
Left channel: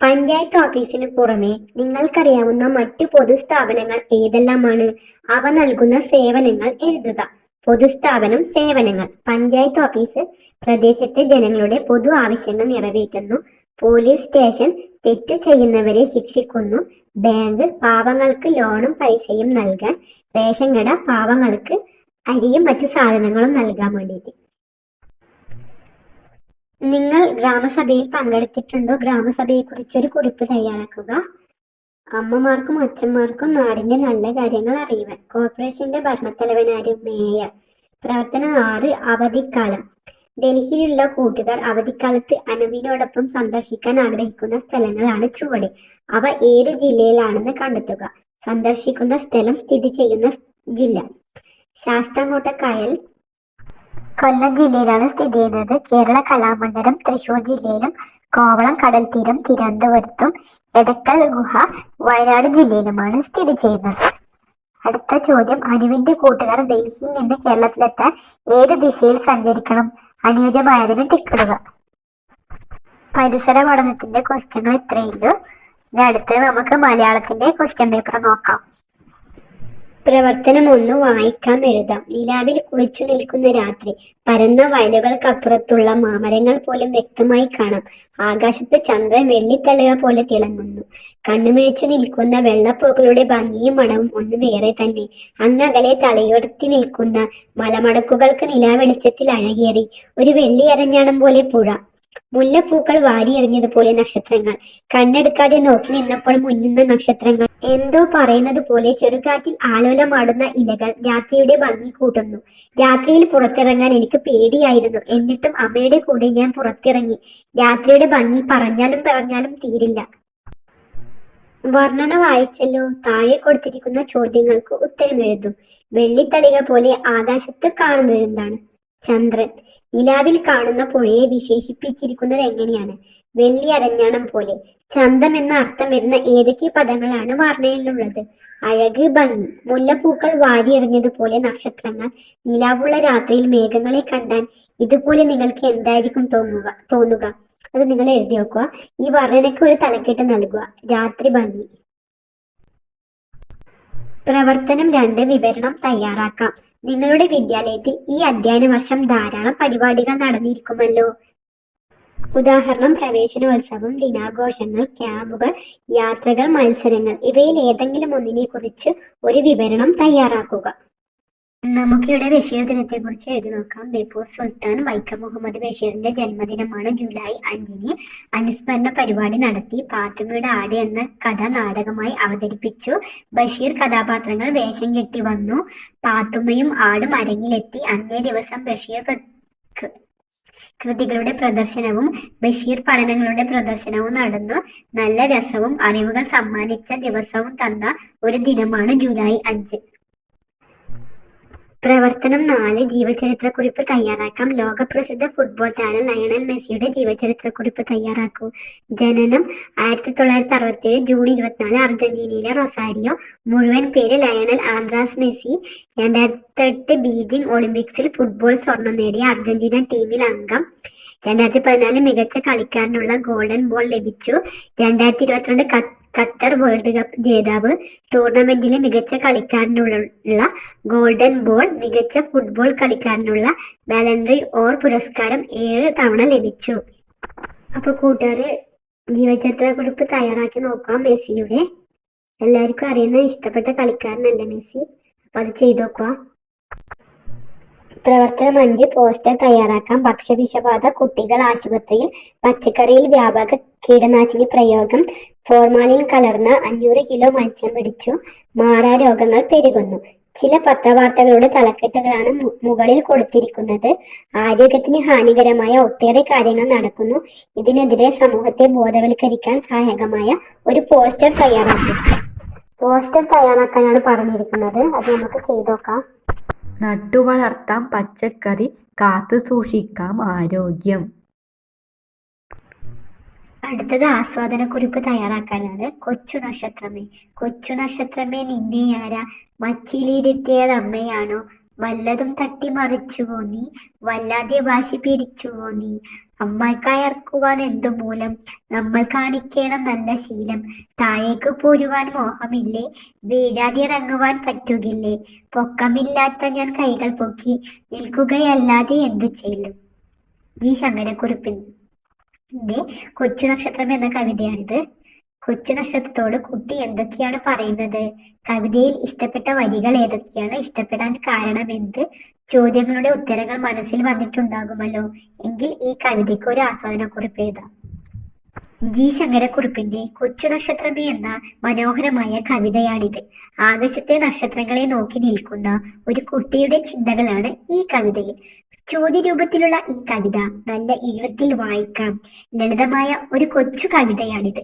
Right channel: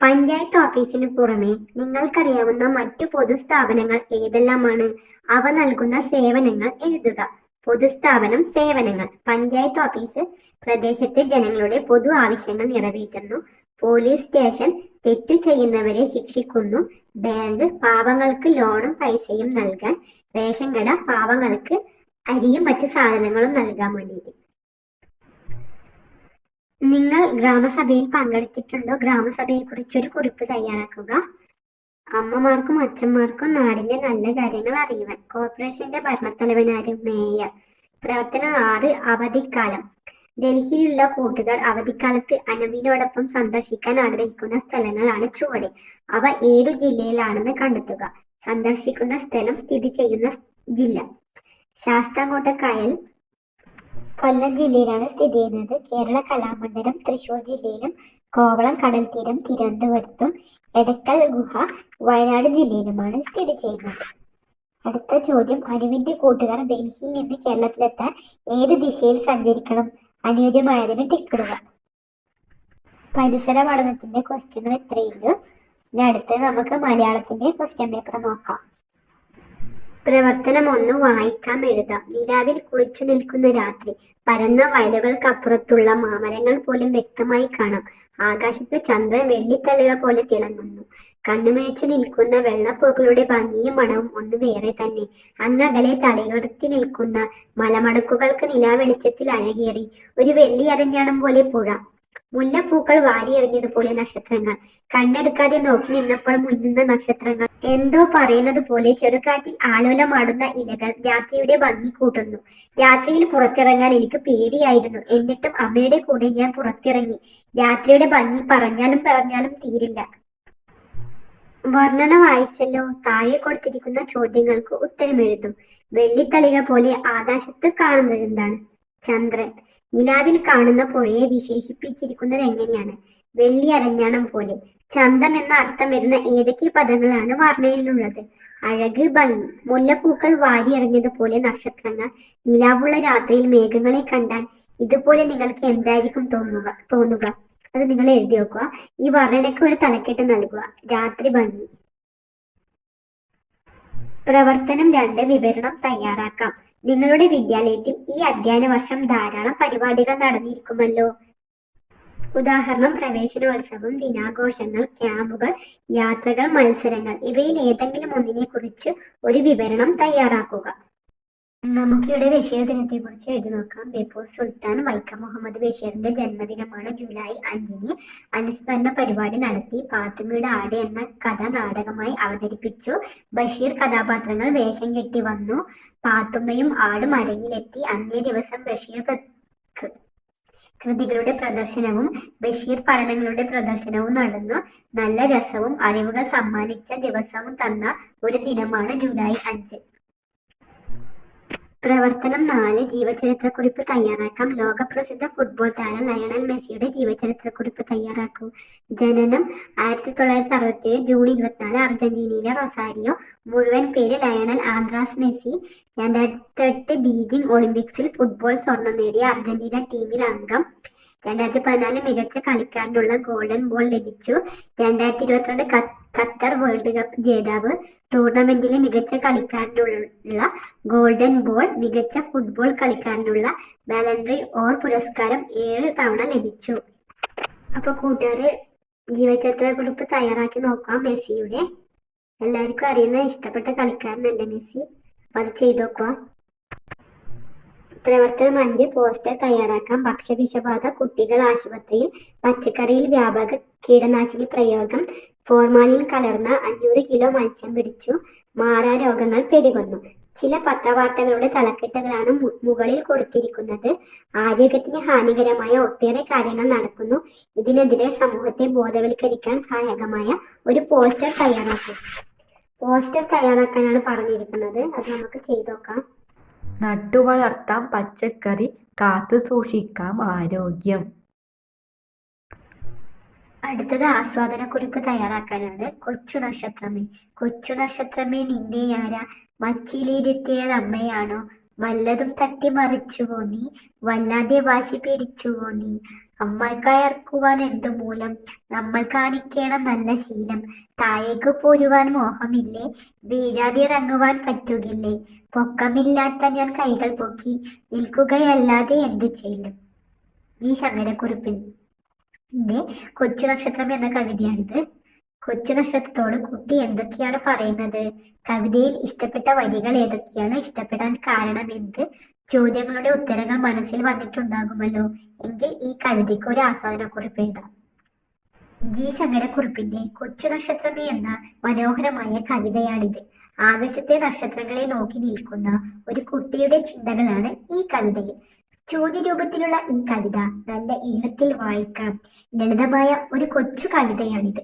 പഞ്ചായത്ത് ഓഫീസിന് പുറമെ നിങ്ങൾക്കറിയാവുന്ന മറ്റു പൊതുസ്ഥാപനങ്ങൾ ഏതെല്ലാമാണ്? അവ നൽകുന്ന സേവനങ്ങൾ എഴുതുക. പൊതുസ്ഥാപനം, സേവനങ്ങൾ. പഞ്ചായത്ത് ഓഫീസ് പ്രദേശത്തെ ജനങ്ങളുടെ പൊതു ആവശ്യങ്ങൾ നിറവേറ്റുന്നു. പോലീസ് സ്റ്റേഷൻ തെറ്റു ചെയ്യുന്നവരെ ശിക്ഷിക്കുന്നു. ബാങ്ക് പാവങ്ങൾക്ക് ലോണും പൈസയും നൽകാൻ. റേഷൻ കട പാവങ്ങൾക്ക് അരിയും മറ്റു സാധനങ്ങളും നൽകാൻ വേണ്ടിയിട്ട്. നിങ്ങൾ ഗ്രാമസഭയിൽ പങ്കെടുത്തിട്ടുണ്ടോ? ഗ്രാമസഭയെ കുറിച്ചൊരു കുറിപ്പ് തയ്യാറാക്കുക. അമ്മമാർക്കും അച്ഛന്മാർക്കും നാടിന്റെ നല്ല കാര്യങ്ങൾ അറിയുവാൻ. കോർപ്പറേഷന്റെ ഭരണത്തലവനാര്? മേയർ. പ്രവർത്തനം 6. അവധിക്കാലം. ഡൽഹിയിലുള്ള കൂട്ടുകാർ അവധിക്കാലത്ത് അനുവിനോടൊപ്പം സന്ദർശിക്കാൻ ആഗ്രഹിക്കുന്ന സ്ഥലങ്ങളാണ് ചുവടെ. അവ ഏത് ജില്ലയിലാണെന്ന് കണ്ടെത്തുക. സന്ദർശിക്കുന്ന സ്ഥലം, സ്ഥിതി ചെയ്യുന്ന ജില്ല. ശാസ്താംകോട്ടക്കായൽ കൊല്ലം ജില്ലയിലാണ് സ്ഥിതി ചെയ്യുന്നത്. കേരള കലാമണ്ഡലം തൃശൂർ ജില്ലയിലും, കോവളം കടൽത്തീരം തിരുവനന്തപുരത്തും, എടക്കൽ ഗുഹ വയനാട് ജില്ലയിലുമാണ് സ്ഥിതി ചെയ്യുന്നത്. അടുത്ത ചോദ്യം: അനുവിന്റെ കൂട്ടുകാർ ഡൽഹിയിൽ നിന്ന് കേരളത്തിലെത്താൻ ഏത് ദിശയിൽ സഞ്ചരിക്കണം? അനുയോജ്യമായതിന് ടിക്കിടുക. പരിസര പഠനത്തിന്റെ ക്വസ്റ്റ്യങ്ങൾ ഇത്രയുള്ളൂ. അടുത്ത് നമുക്ക് മലയാളത്തിന്റെ ക്വസ്റ്റ്യൻ പേപ്പർ നോക്കാം. പ്രവർത്തനം 1. വായിക്കാം, എഴുതാം. നിലാവിൽ കുളിച്ചു നിൽക്കുന്ന രാത്രി. പരന്ന വയലുകൾക്കപ്പുറത്തുള്ള മാമരങ്ങൾ പോലും വ്യക്തമായി കാണാം. ആകാശത്ത് ചന്ദ്രൻ വെള്ളിത്തളിക പോലെ തിളങ്ങുന്നു. കണ്ണുമിഴിച്ചു നിൽക്കുന്ന വെള്ളപ്പൂക്കളുടെ ഭംഗിയും മണവും ഒന്ന് വേറെ തന്നെ. അങ്ങകലെ തലയുയർത്തി നിൽക്കുന്ന മലമടക്കുകൾക്ക് നിലാവെളിച്ചത്തിൽ അഴകേറി. ഒരു വെള്ളി അരഞ്ഞാണം പോലെ പുഴ. മുല്ലപ്പൂക്കൾ വാരിയെറിഞ്ഞതുപോലെ നക്ഷത്രങ്ങൾ. കണ്ണെടുക്കാതെ നോക്കി നിന്നപ്പോൾ മുന്നുന്ന നക്ഷത്രങ്ങൾ. എന്തോ പറയുന്നത് പോലെ ചെറുകാറ്റിൽ ആലോലമാടുന്ന ഇലകൾ രാത്രിയുടെ ഭംഗി കൂട്ടുന്നു. രാത്രിയിൽ പുറത്തിറങ്ങാൻ എനിക്ക് പേടിയായിരുന്നു. എന്നിട്ടും അമ്മയുടെ കൂടെ ഞാൻ പുറത്തിറങ്ങി. രാത്രിയുടെ ഭംഗി പറഞ്ഞാലും തീരില്ല. വർണ്ണന വായിച്ചല്ലോ. താഴെ കൊടുത്തിരിക്കുന്ന ചോദ്യങ്ങൾക്ക് ഉത്തരം എഴുതും. വെള്ളിത്തളിക പോലെ ആകാശത്ത് കാണുന്നത് എന്താണ്? ചന്ദ്രൻ. നിലാവിൽ കാണുന്ന പുഴയെ വിശേഷിപ്പിച്ചിരിക്കുന്നത് എങ്ങനെയാണ്? വെള്ളി അരഞ്ഞാണം പോലെ. ചന്തം എന്ന അർത്ഥം വരുന്ന ഏതൊക്കെ പദങ്ങളാണ് വർണ്ണയിലുള്ളത്? അഴക്, ഭംഗി. മുല്ലപ്പൂക്കൾ വാരിയെറിഞ്ഞതുപോലെ നക്ഷത്രങ്ങൾ. നിലാവുള്ള രാത്രിയിൽ മേഘങ്ങളെ കണ്ടാൽ ഇതുപോലെ നിങ്ങൾക്ക് എന്തായിരിക്കും തോന്നുക? അത് നിങ്ങൾ എഴുതി വെക്കുക. ഈ വർണ്ണനയ്ക്ക് ഒരു തലക്കെട്ട് നൽകുക. രാത്രി ഭംഗി. പ്രവർത്തനം 2. വിവരണം തയ്യാറാക്കാം. നിങ്ങളുടെ വിദ്യാലയത്തിൽ ഈ അധ്യയന വർഷം ധാരാളം പരിപാടികൾ നടന്നിരിക്കുമല്ലോ. ഉദാഹരണം: പ്രവേശനോത്സവം, ദിനാഘോഷങ്ങൾ, ക്യാമ്പുകൾ, യാത്രകൾ, മത്സരങ്ങൾ. ഇവയിൽ ഏതെങ്കിലും ഒന്നിനെ കുറിച്ച് ഒരു വിവരണം തയ്യാറാക്കുക. നമുക്കിവിടെ ബഷീർ ദിനത്തെ കുറിച്ച് എഴുതി നോക്കാം. ബേപ്പൂർ സുൽത്താൻ വൈക്കം മുഹമ്മദ് ബഷീറിന്റെ ജന്മദിനമാണ് ജൂലൈ 5-ന്. അനുസ്മരണ പരിപാടി നടത്തി. പാത്തുമ്മയുടെ ആട് എന്ന കഥ നാടകമായി അവതരിപ്പിച്ചു. ബഷീർ കഥാപാത്രങ്ങൾ വേഷം കെട്ടി വന്നു. പാത്തുമ്മയും ആടും അരങ്ങിലെത്തി. അന്നേ ദിവസം ബഷീർ കൃതികളുടെ പ്രദർശനവും ബഷീർ പഠനങ്ങളുടെ പ്രദർശനവും നടന്നു. നല്ല രസവും അറിവുകൾ സമ്മാനിച്ച ദിവസവും തന്ന ഒരു ദിനമാണ് ജൂലൈ 5. പ്രവർത്തനം 4 ജീവചരിത്രക്കുറിപ്പ് തയ്യാറാക്കാം. ലോകപ്രസിദ്ധ ഫുട്ബോൾ താരം ലയണൽ മെസ്സിയുടെ ജീവചരിത്രക്കുറിപ്പ് തയ്യാറാക്കൂ. ജനനം 1967 ജൂൺ 24, അർജന്റീനയിലെ റൊസാരിയോ. മുഴുവൻ പേര് ലയണൽ ആന്ദ്രാസ് മെസ്സി. 2008 ബീജിംഗ് ഒളിമ്പിക്സിൽ ഫുട്ബോൾ സ്വർണം നേടിയ അർജന്റീന ടീമിൽ അംഗം. 2014 മികച്ച കളിക്കാരനുള്ള ഗോൾഡൻ ബോൾ ലഭിച്ചു. 2022 ഖത്തർ വേൾഡ് കപ്പ് ജേതാവ്. ടൂർണമെന്റിലെ മികച്ച കളിക്കാരനുള്ള ഗോൾഡൻ ബോൾ, മികച്ച ഫുട്ബോൾ കളിക്കാരനുള്ള ബാലൻഡറി ഓർ പുരസ്കാരം 7 തവണ ലഭിച്ചു. അപ്പൊ കൂട്ടുകാര് ജീവചരിത്രക്കുറിപ്പ് തയ്യാറാക്കി നോക്കാം. മെസ്സിയുടെ എല്ലാവർക്കും അറിയുന്ന ഇഷ്ടപ്പെട്ട കളിക്കാരനല്ലേ മെസ്സി. അപ്പൊ അത് ചെയ്തു നോക്കുക. പ്രവർത്തനം 5 പോസ്റ്റർ തയ്യാറാക്കാം. ഭക്ഷ്യവിഷബാധ, കുട്ടികൾ ആശുപത്രിയിൽ, പച്ചക്കറിയിൽ വ്യാപക കീടനാശിനി പ്രയോഗം, ഫോർമാലിൻ കലർന്ന 500 കിലോ മത്സ്യം പിടിച്ചു, മാറാരോഗങ്ങൾ പെരുകുന്നു. ചില പത്രവാർത്തകളുടെ തലക്കെട്ടുകളാണ് മുകളിൽ കൊടുത്തിരിക്കുന്നത്. ആരോഗ്യത്തിന് ഹാനികരമായ ഒട്ടേറെ കാര്യങ്ങൾ നടക്കുന്നു. ഇതിനെതിരെ സമൂഹത്തെ ബോധവൽക്കരിക്കാൻ സഹായകമായ ഒരു പോസ്റ്റർ തയ്യാറാക്കും. പോസ്റ്റർ തയ്യാറാക്കാനാണ് പറഞ്ഞിരിക്കുന്നത്. അത് നമുക്ക് ചെയ്തു നോക്കാം. നട്ടുവളർത്താം പച്ചക്കറി, കാത്തു സൂക്ഷിക്കാം ആരോഗ്യം. അടുത്തത് ആസ്വാദനക്കുറിപ്പ് തയ്യാറാക്കാനാണ്. കൊച്ചു നക്ഷത്രമേ, കൊച്ചു നക്ഷത്രമേ നിന്നെ ആരാ മച്ചിലിരുത്തിയതമ്മയാണോ? വല്ലതും തട്ടിമറിച്ചുവോ നീ, വല്ലാതെ വാശി പിടിച്ചുവോ നീ? അമ്മക്കയർക്കുവാൻ എന്തു മൂലം, നമ്മൾ കാണിക്കണം നല്ല ശീലം. താഴേക്ക് പോരുവാൻ മോഹമില്ലേ, വീഴാതിറങ്ങുവാൻ പറ്റുകില്ലേ? പൊക്കമില്ലാത്ത ഞാൻ കൈകൾ പൊക്കി നിൽക്കുകയല്ലാതെ എന്തു ചെയ്യും? ഈ ശങ്കരക്കുറുപ്പിന്റെ കൊച്ചു നക്ഷത്രം എന്ന കവിതയാണിത്. കൊച്ചു നക്ഷത്രത്തോട് കുട്ടി എന്തൊക്കെയാണ് പറയുന്നത്? കവിതയിൽ ഇഷ്ടപ്പെട്ട വരികൾ ഏതൊക്കെയാണ്? ഇഷ്ടപ്പെടാൻ കാരണം എന്ത്? ചോദ്യങ്ങളുടെ ഉത്തരങ്ങൾ മനസ്സിൽ വന്നിട്ടുണ്ടാകുമല്ലോ. എങ്കിൽ ഈ കവിതയ്ക്ക് ഒരു ആസ്വാദനക്കുറിപ്പ് എഴുതാം. ജി ശങ്കരക്കുറുപ്പിന്റെ കൊച്ചു നക്ഷത്രമേ എന്ന മനോഹരമായ കവിതയാണിത്. ആകാശത്തെ നക്ഷത്രങ്ങളെ നോക്കി നിൽക്കുന്ന ഒരു കുട്ടിയുടെ ചിന്തകളാണ് ഈ കവിതയിൽ. ചോദ്യരൂപത്തിലുള്ള ഈ കവിത നല്ല ഈണത്തിൽ വായിക്കാം. ലളിതമായ ഒരു കൊച്ചു കവിതയാണിത്.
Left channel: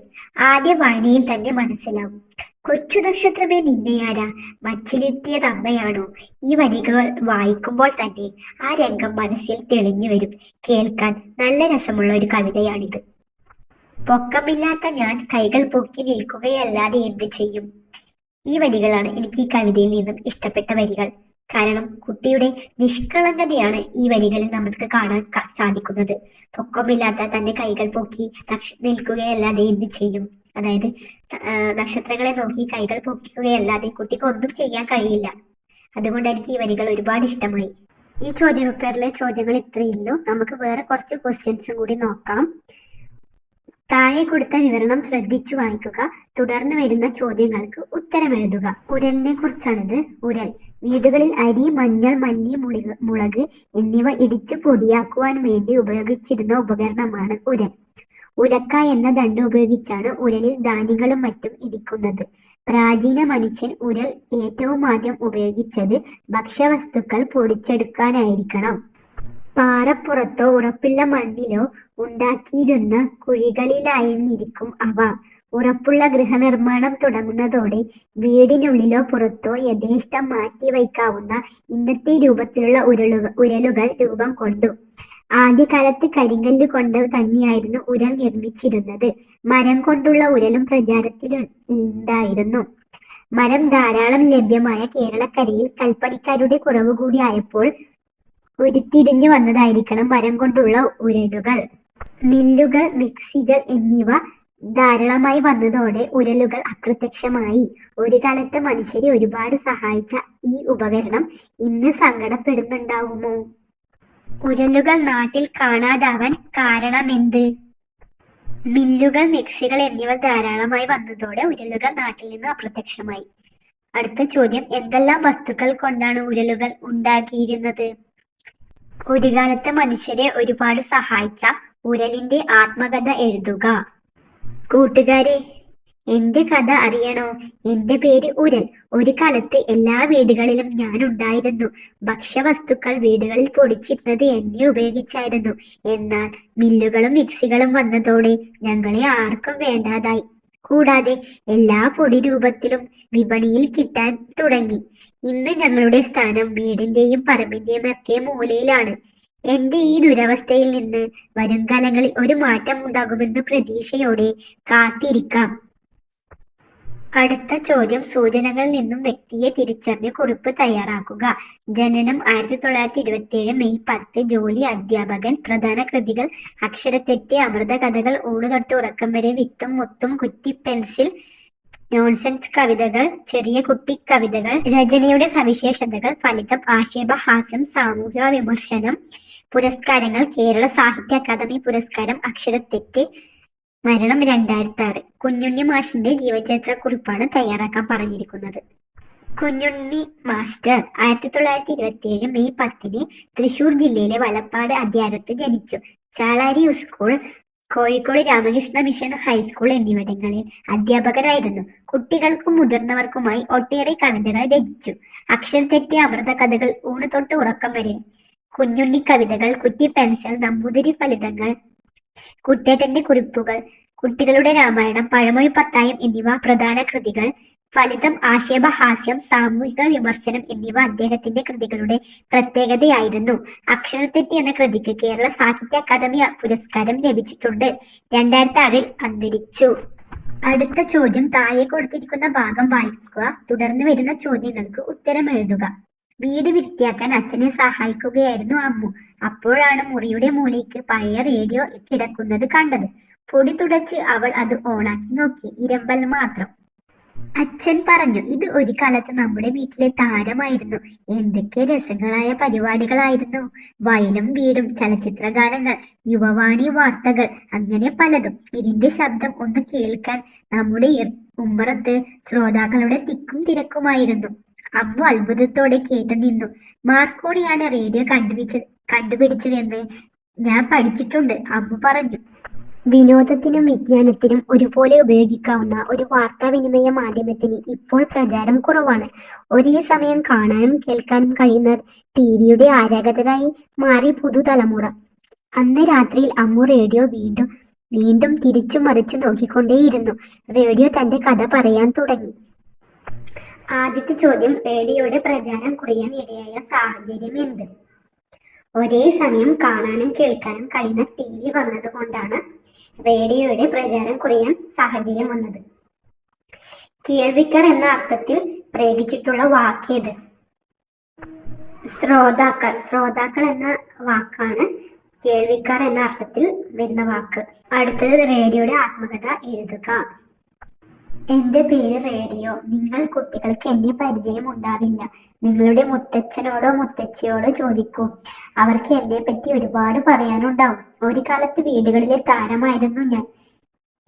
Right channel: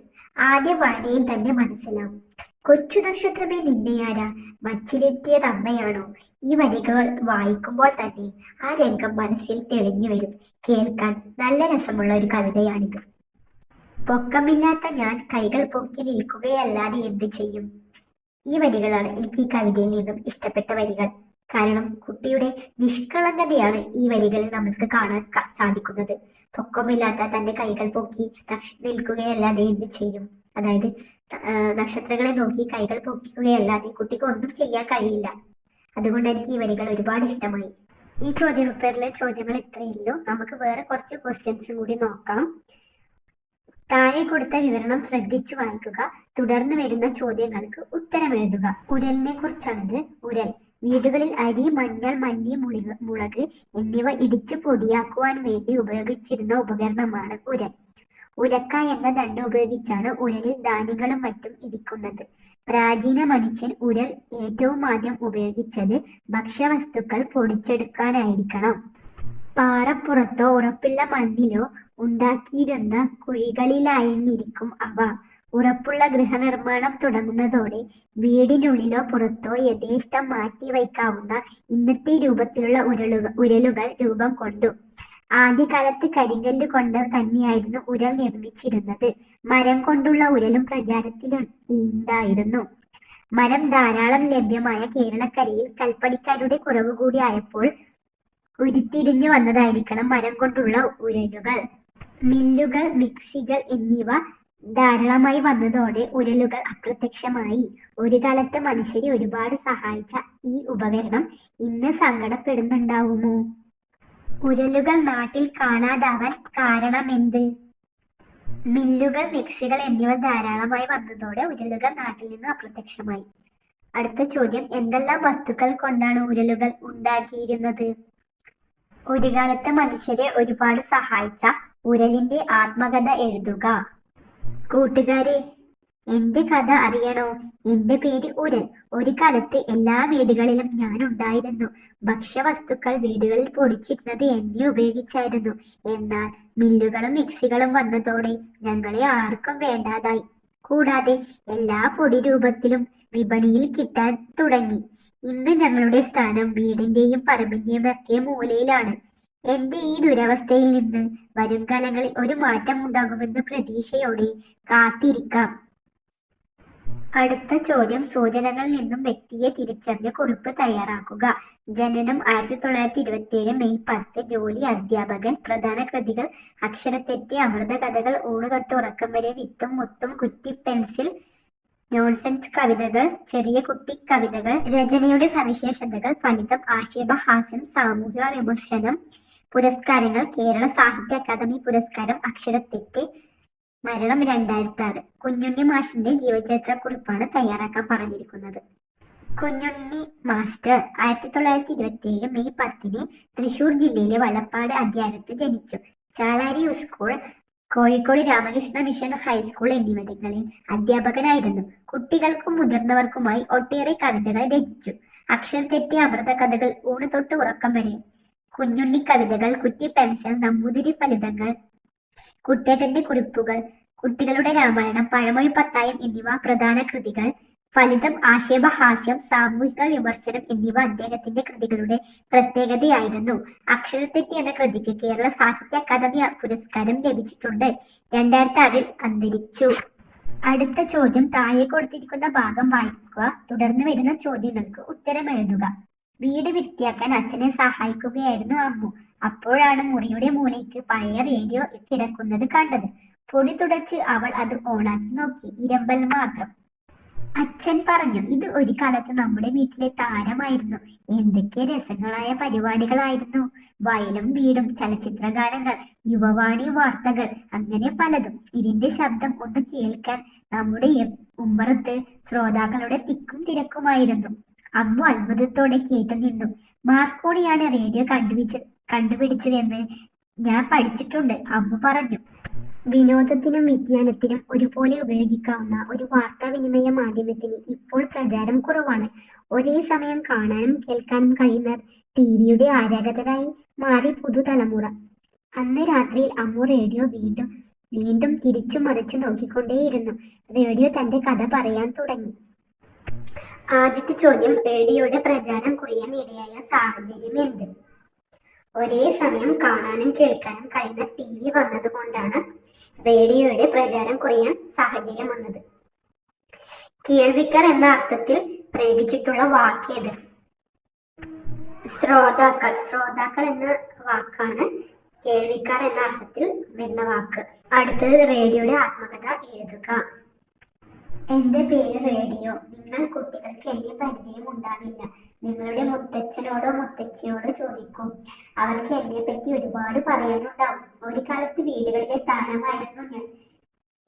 ആദ്യ വായനയിൽ തന്നെ മനസ്സിലാവും. കൊച്ചു നക്ഷത്രമേ നിന്നെയാരാ മച്ചിലെത്തിയതമ്മയാണോ? ഈ വരികൾ വായിക്കുമ്പോൾ തന്നെ ആ രംഗം മനസ്സിൽ തെളിഞ്ഞു വരും. കേൾക്കാൻ നല്ല രസമുള്ള ഒരു കവിതയാണിത്. പൊക്കമില്ലാത്ത ഞാൻ കൈകൾ പൊക്കി നിൽക്കുകയല്ലാതെ എന്ത് ചെയ്യും? ഈ വരികളാണ് എനിക്ക് ഈ കവിതയിൽ നിന്നും ഇഷ്ടപ്പെട്ട വരികൾ. കാരണം കുട്ടിയുടെ നിഷ്കളങ്കതയാണ് ഈ വരികളിൽ നമുക്ക് കാണാൻ സാധിക്കുന്നത്. പൊക്കമില്ലാത്ത തന്റെ കൈകൾ പൊക്കി നിൽക്കുകയല്ലാതെ എന്ത് ചെയ്യും? അതായത് നക്ഷത്രങ്ങളെ നോക്കി കൈകൾ പൊക്കുകയല്ലാതെ കുട്ടിക്ക് ഒന്നും ചെയ്യാൻ കഴിയില്ല. അതുകൊണ്ട് എനിക്ക് ഈ വരികൾ ഒരുപാട് ഇഷ്ടമായി. ഈ ചോദ്യപേപ്പറിലെ ചോദ്യങ്ങൾ ഇത്രയുള്ളൂ. നമുക്ക് വേറെ കുറച്ച് ക്വസ്റ്റ്യൻസും കൂടി നോക്കാം. താഴെ കൊടുത്ത വിവരണം ശ്രദ്ധിച്ചു വായിക്കുക. തുടർന്ന് വരുന്ന ചോദ്യങ്ങൾക്ക് ഉത്തരം എഴുതുക. ഉരലിനെ കുറിച്ചാണിത്. ഉരൽ വീടുകളിൽ അരി, മഞ്ഞൾ, മല്ലി, മുളക് എന്നിവ ഇടിച്ചു പൊടിയാക്കുവാൻ വേണ്ടി ഉപയോഗിച്ചിരുന്ന ഉപകരണമാണ് ഉരൽ. ഉലക്ക എന്ന ദണ്ഡ് ഉപയോഗിച്ചാണ് ഉരലിൽ ധാന്യങ്ങളും മറ്റും ഇടിക്കുന്നത്. പ്രാചീന മനുഷ്യൻ ഉരൽ ഏറ്റവും ആദ്യം ഉപയോഗിച്ചത് ഭക്ഷ്യവസ്തുക്കൾ പൊടിച്ചെടുക്കാനായിരിക്കണം. പാറപ്പുറത്തോ ഉറപ്പുള്ള മണ്ണിലോ ഉണ്ടാക്കിയിരുന്ന കുഴികളിലായിരുന്നിരിക്കും അവ. ഉറപ്പുള്ള ഗൃഹനിർമ്മാണം തുടങ്ങുന്നതോടെ വീടിനുള്ളിലോ പുറത്തോ യഥേഷ്ടം മാറ്റിവയ്ക്കാവുന്ന ഇന്നത്തെ രൂപത്തിലുള്ള ഉരലുകൾ രൂപം കൊണ്ടു. ആദ്യകാലത്ത് കരിങ്കല്ല് കൊണ്ട് തന്നെയായിരുന്നു ഉരൽ നിർമ്മിച്ചിരുന്നത്. മരം കൊണ്ടുള്ള ഉരലും പ്രചാരത്തിൽ ഉണ്ടായിരുന്നു. മരം ധാരാളം ലഭ്യമായ കേരളക്കരയിൽ കൽപ്പണിക്കാരുടെ കുറവ് കൂടി ആയപ്പോൾ ഉരുത്തിരിഞ്ഞു വന്നതായിരിക്കണം മരം കൊണ്ടുള്ള ഉരലുകൾ. മില്ലുകൾ, മിക്സികൾ എന്നിവ ധാരാളമായി വന്നതോടെ ഉരലുകൾ അപ്രത്യക്ഷമായി. ഒരു കാലത്ത് മനുഷ്യരെ ഒരുപാട് സഹായിച്ച ഈ ഉപകരണം ഇന്ന് സങ്കടപ്പെടുന്നുണ്ടാവുമോ? ഉരലുകൾ നാട്ടിൽ കാണാതാവാൻ കാരണമെന്ത്? മില്ലുകൾ, മിക്സികൾ എന്നിവ ധാരാളമായി വന്നതോടെ ഉരലുകൾ നാട്ടിൽ നിന്ന് അപ്രത്യക്ഷമായി. അടുത്ത ചോദ്യം, എന്തെല്ലാം വസ്തുക്കൾ കൊണ്ടാണ് ഉരലുകൾ ഉണ്ടാക്കിയിരുന്നത്? ഒരു കാലത്ത് മനുഷ്യരെ ഒരുപാട് സഹായിച്ച ഉരലിന്റെ ആത്മകഥ എഴുതുക. കൂട്ടുകാരെ, എന്റെ കഥ അറിയണോ? എന്റെ പേര് ഉരൽ. ഒരു കാലത്ത് എല്ലാ വീടുകളിലും ഞാൻ ഉണ്ടായിരുന്നു. ഭക്ഷ്യവസ്തുക്കൾ വീടുകളിൽ പൊടിച്ചിരുന്നത് എന്നെ ഉപയോഗിച്ചായിരുന്നു. എന്നാൽ മില്ലുകളും മിക്സികളും വന്നതോടെ ഞങ്ങളെ ആർക്കും വേണ്ടാതായി. കൂടാതെ എല്ലാ പൊടി രൂപത്തിലും വിപണിയിൽ കിട്ടാൻ തുടങ്ങി. ഇന്ന് ഞങ്ങളുടെ സ്ഥാനം വീടിന്റെയും പറമ്പിന്റെയും ഒക്കെ മൂലയിലാണ്. എന്റെ ഈ ദുരവസ്ഥയിൽ നിന്ന് വരുംകാലങ്ങളിൽ ഒരു മാറ്റം ഉണ്ടാകുമെന്ന് പ്രതീക്ഷയോടെ കാത്തിരിക്കാം. അടുത്ത ചോദ്യം. സൂചനകളിൽ നിന്നും വ്യക്തിയെ തിരിച്ചറിഞ്ഞ് കുറിപ്പ് തയ്യാറാക്കുക. ജനനം 1927 മെയ് 10. ജോലി അധ്യാപകൻ. പ്രധാന കൃതികൾ: അക്ഷരത്തെറ്റ്, അമൃതകഥകൾ, ഊണുതൊട്ട് ഉറക്കം വരെ, വിത്തും മുത്തും, കുറ്റി പെൻസിൽ, നോൺസെൻസ് കവിതകൾ, ചെറിയ കുട്ടി കവിതകൾ. രചനയുടെ സവിശേഷതകൾ: ഫലിതം, ആക്ഷേപഹാസ്യം, സാമൂഹിക വിമർശനം. പുരസ്കാരങ്ങൾ: കേരള സാഹിത്യ അക്കാദമി പുരസ്കാരം. അക്ഷരത്തെറ്റ്. മരണം 2006. കുഞ്ഞുണ്ണി മാഷിന്റെ ജീവചരിത്രക്കുറിപ്പാണ് തയ്യാറാക്കാൻ പറഞ്ഞിരിക്കുന്നത്. കുഞ്ഞുണ്ണി മാസ്റ്റർ 1927 മെയ് 10 തൃശൂർ ജില്ലയിലെ വലപ്പാട് അദ്യാരത്ത് ജനിച്ചു. ചാളാരി school, Kozhikode Ramakrishna mission high school എന്നിവിടങ്ങളിൽ അധ്യാപകനായിരുന്നു. കുട്ടികൾക്കും മുതിർന്നവർക്കുമായി ഒട്ടേറെ കവിതകൾ രചിച്ചു. അക്ഷരത്തെറ്റ്, അമൃതകഥകൾ, ഊണ് തൊട്ട് ഉറക്കം വരെ, കുഞ്ഞുണ്ണി കവിതകൾ, കുറ്റി പെൻസിൽ, നമ്പൂതിരി ഫലിതങ്ങൾ, കുട്ടേട്ടന്റെ കുറിപ്പുകൾ, കുട്ടികളുടെ രാമായണം, പഴമൊഴി പത്തായം എന്നിവ പ്രധാന കൃതികൾ. ഫലിതം, ആക്ഷേപഹാസ്യം, സാമൂഹിക വിമർശനം എന്നിവ അദ്ദേഹത്തിന്റെ കൃതികളുടെ പ്രത്യേകതയായിരുന്നു. അക്ഷരത്തെറ്റ് എന്ന കൃതിക്ക് കേരള സാഹിത്യ അക്കാദമി പുരസ്കാരം ലഭിച്ചിട്ടുണ്ട്. 2006 അന്തരിച്ചു. അടുത്ത ചോദ്യം. താഴെ കൊടുത്തിരിക്കുന്ന ഭാഗം വായിക്കുക. തുടർന്ന് വരുന്ന ചോദ്യങ്ങൾക്ക് ഉത്തരം എഴുതുക. വീട് വൃത്തിയാക്കാൻ അച്ഛനെ സഹായിക്കുകയായിരുന്നു അമ്മു. അപ്പോഴാണ് മുറിയുടെ മൂലയ്ക്ക് പഴയ റേഡിയോ കിടക്കുന്നത് കണ്ടത്. പൊടി തുടച്ച് അവൾ അത് ഓണാക്കി നോക്കി. ഇരമ്പൽ മാത്രം. അച്ഛൻ പറഞ്ഞു, ഇത് ഒരു കാലത്ത് നമ്മുടെ വീട്ടിലെ താരമായിരുന്നു. എന്തൊക്കെ രസങ്ങളായ പരിപാടികളായിരുന്നു. വയലും വീടും, ചലച്ചിത്ര ഗാനങ്ങൾ, യുവവാണി വാർത്തകൾ, അങ്ങനെ പലതും. ഇതിന്റെ ശബ്ദം ഒന്ന് കേൾക്കാൻ നമ്മുടെ ഉമ്മറത്ത് ശ്രോതാക്കളുടെ തിക്കും തിരക്കുമായിരുന്നു. അമ്മു അത്ഭുതത്തോടെ കേട്ടു നിന്നു. മാർക്കോണിയാണ് റേഡിയോ കണ്ടുപിടിച്ചതെന്ന് ഞാൻ പഠിച്ചിട്ടുണ്ട്, അമ്മു പറഞ്ഞു. വിനോദത്തിനും വിജ്ഞാനത്തിനും ഒരുപോലെ ഉപയോഗിക്കാവുന്ന ഒരു വാർത്താവിനിമയ മാധ്യമത്തിന് ഇപ്പോൾ പ്രചാരം കുറവാണ്. ഒരേ സമയം കാണാനും കേൾക്കാനും കഴിയുന്ന ടിവിയുടെ ആരാധകരായി മാറി പുതുതലമുറ. അന്ന് രാത്രിയിൽ അമ്മു റേഡിയോ വീണ്ടും വീണ്ടും തിരിച്ചു മറിച്ചു നോക്കിക്കൊണ്ടേയിരുന്നു. റേഡിയോ തന്റെ കഥ പറയാൻ തുടങ്ങി. ആദ്യത്തെ ചോദ്യം. റേഡിയോയുടെ പ്രചാരം കുറയാൻ ഇടയായ സാഹചര്യം എന്ത്? ഒരേ സമയം കാണാനും കേൾക്കാനും കഴിയുന്ന TV വന്നതുകൊണ്ടാണ് റേഡിയോയുടെ പ്രചാരം കുറയാൻ സാഹചര്യം വന്നത്. കേൾവിക്കാർ എന്ന അർത്ഥത്തിൽ പ്രയോഗിച്ചിട്ടുള്ള വാക്കേത്? ശ്രോതാക്കൾ. ശ്രോതാക്കൾ എന്ന വാക്കാണ് കേൾവിക്കാർ എന്ന അർത്ഥത്തിൽ വരുന്ന വാക്ക്. അടുത്തത്. റേഡിയോയുടെ ആത്മകഥ എഴുതുക. എന്റെ പേര് റേഡിയോ. നിങ്ങൾ കുട്ടികൾക്ക് എന്നെ പരിചയം ഉണ്ടാവില്ല. നിങ്ങളുടെ മുത്തച്ഛനോടോ മുത്തച്ഛിയോടോ ചോദിക്കൂ. അവർക്ക് എന്നെ പറ്റി ഒരുപാട് പറയാനുണ്ടാവും. ഒരു കാലത്ത് വീടുകളിലെ താരമായിരുന്നു ഞാൻ.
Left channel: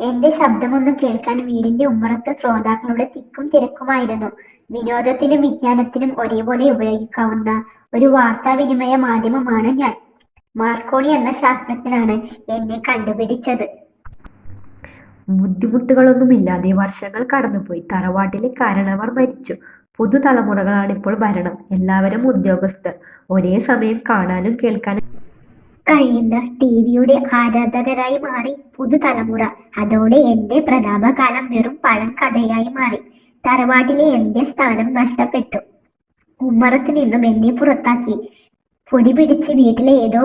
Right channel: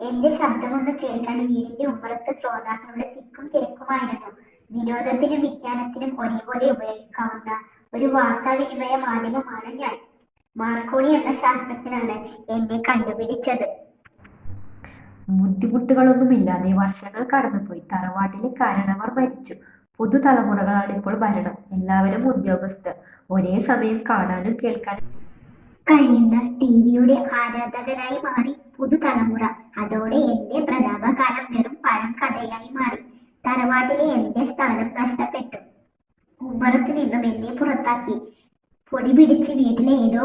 എന്റെ ശബ്ദമൊന്നും കേൾക്കാൻ വീടിന്റെ ഉമ്മറത്ത് ശ്രോതാക്കളുടെ തിക്കും തിരക്കുമായിരുന്നു. വിനോദത്തിനും വിജ്ഞാനത്തിനും ഒരേപോലെ ഉപയോഗിക്കാവുന്ന ഒരു വാർത്താവിനിമയ മാധ്യമമാണ് ഞാൻ. മാർക്കോണി എന്ന ശാസ്ത്രജ്ഞനാണ് എന്നെ കണ്ടുപിടിച്ചത്. ബുദ്ധിമുട്ടുകളൊന്നുമില്ലാതെ വർഷങ്ങൾ കടന്നുപോയി. തറവാട്ടിലെ കാരണവർ മരിച്ചു. പുതുതലമുറകളാണ് ഇപ്പോൾ ഭരണം. എല്ലാവരും ഉദ്യോഗസ്ഥർ. ഒരേ സമയം കാണാനും കേൾക്കാനും കഴിയുന്ന ടിവിയുടെ ആരാധകരായി മാറി പുതുതലമുറ. അതോടെ എന്റെ പ്രതാപകാലം വെറും പഴങ്കഥയായി മാറി. തറവാട്ടിലെ എന്റെ സ്ഥാനം നഷ്ടപ്പെട്ടു. ഉമ്മറത്ത് നിന്നും എന്നെ പുറത്താക്കി. പൊടി പിടിച്ച് വീട്ടിലെ ഏതോ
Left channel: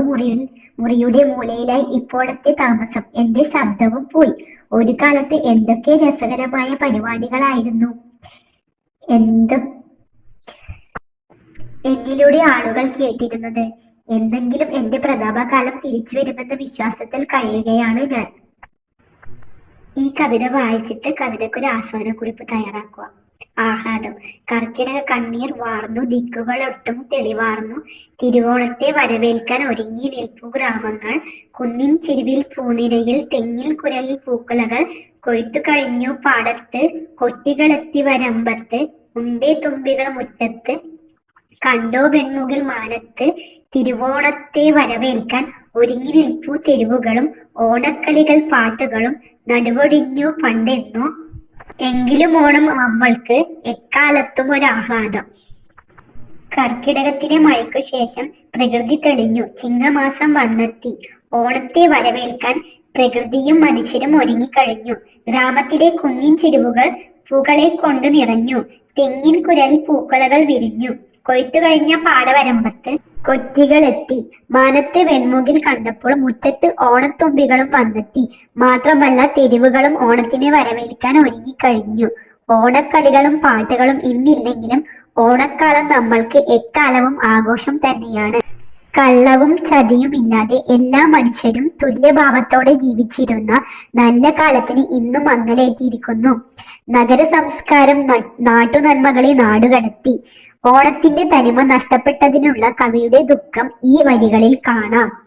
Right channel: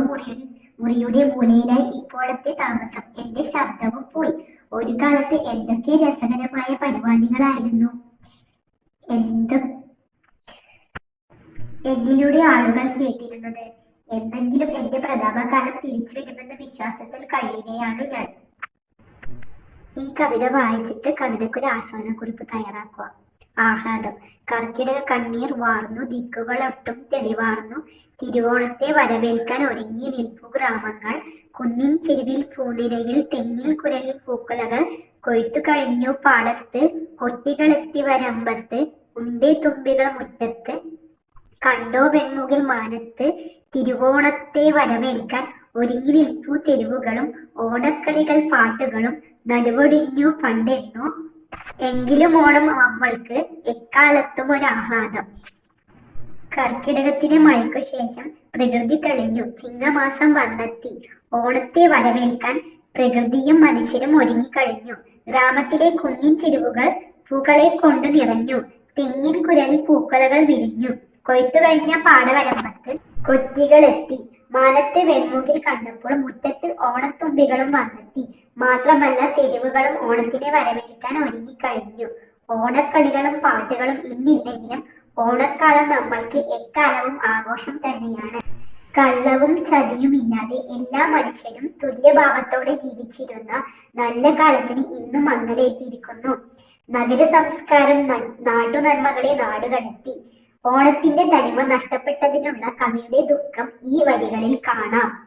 മുറിയുടെ മൂലയിലായി ഇപ്പോഴത്തെ താമസം. എന്റെ ശബ്ദവും പോയി. ഒരു കാലത്ത് എന്തൊക്കെ രസകരമായ പരിപാടികളായിരുന്നു. എന്നിലൂടെ ആളുകൾ കേട്ടിരുന്നത്. എന്തെങ്കിലും എന്റെ പ്രതാപകാലം തിരിച്ചു വരുമെന്ന വിശ്വാസത്തിൽ കഴിയുകയാണ് ഞാൻ. ഈ കവിത വായിച്ചിട്ട് കവിതയ്ക്കൊരു ആസ്വാദനക്കുറിപ്പ് തയ്യാറാക്കുക. ആഹ്ലാദം. കർക്കിടക കണ്ണീർ വാർന്നു, ദിക്കുകളൊട്ടും തെളിവാർന്നു. തിരുവോണത്തെ വരവേൽക്കാൻ ഒരുങ്ങി നിൽപ്പു ഗ്രാമങ്ങൾ. കുന്നിൻ ചിരുവിൽ പൂനിരയിൽ, തെങ്ങിൽ കുരലിൽ പൂക്കുലകൾ. കൊയ്ത്തു കഴിഞ്ഞു പാടത്ത്, കൊറ്റികളെത്തി വരമ്പത്ത്. ഉണ്ടേ തുമ്പികൾ മുറ്റത്ത്, കണ്ടോ പെൺമുകിൽ മാനത്ത്. തിരുവോണത്തെ വരവേൽക്കാൻ ഒരുങ്ങി നിൽപ്പു തെരുവുകളും. ഓണക്കളികൾ പാട്ടുകളും നടുവൊടിഞ്ഞു പണ്ടെന്നോ. എങ്കിലും ഓണം അവൾക്ക് എക്കാലത്തും ഒരാഹ്ലാദം. കർക്കിടകത്തിലെ മഴയ്ക്കു ശേഷം പ്രകൃതി തെളിഞ്ഞു. ചിങ്ങമാസം വന്നെത്തി. ഓണത്തെ വരവേൽക്കാൻ പ്രകൃതിയും മനുഷ്യരും ഒരുങ്ങിക്കഴിഞ്ഞു. ഗ്രാമത്തിലെ കുന്നിൻ ചെരുവുകൾ പൂക്കളെ കൊണ്ട് നിറഞ്ഞു. തെങ്ങിൻ കുരലിൽ പൂക്കുലകൾ വിരിഞ്ഞു. കൊയ്ത്തു കഴിഞ്ഞ പാടവരമ്പത്ത് കൊറ്റികളെത്തി. മാനത്തെ വെൺമുകിൽ കണ്ടപ്പോൾ മുറ്റത്ത് ഓണത്തുമ്പികളും വന്നെത്തി. മാത്രമല്ല, തെരുവുകളും ഓണത്തിനെ വരവേൽക്കാൻ ഒരുങ്ങിക്കഴിഞ്ഞു. ഓണക്കളികളും പാട്ടുകളും ഇന്നില്ലെങ്കിലും ഓണക്കാലം നമ്മൾക്ക് എക്കാലവും ആഘോഷം തന്നെയാണ്. കള്ളവും ചതിയുമില്ലാതെ എല്ലാ മനുഷ്യരും തുല്യഭാവത്തോടെ ജീവിച്ചിരുന്ന നല്ല കാലത്തിന് ഇന്നും മങ്ങലേറ്റിയിരിക്കുന്നു. നഗര സംസ്കാരം നാട്ടുനന്മകളെ നാടുകടത്തി. ഓണത്തിന്റെ തനിമ നഷ്ടപ്പെട്ടതിനുള്ള കവിയുടെ ദുഃഖം ഈ വരികളിൽ കാണാം.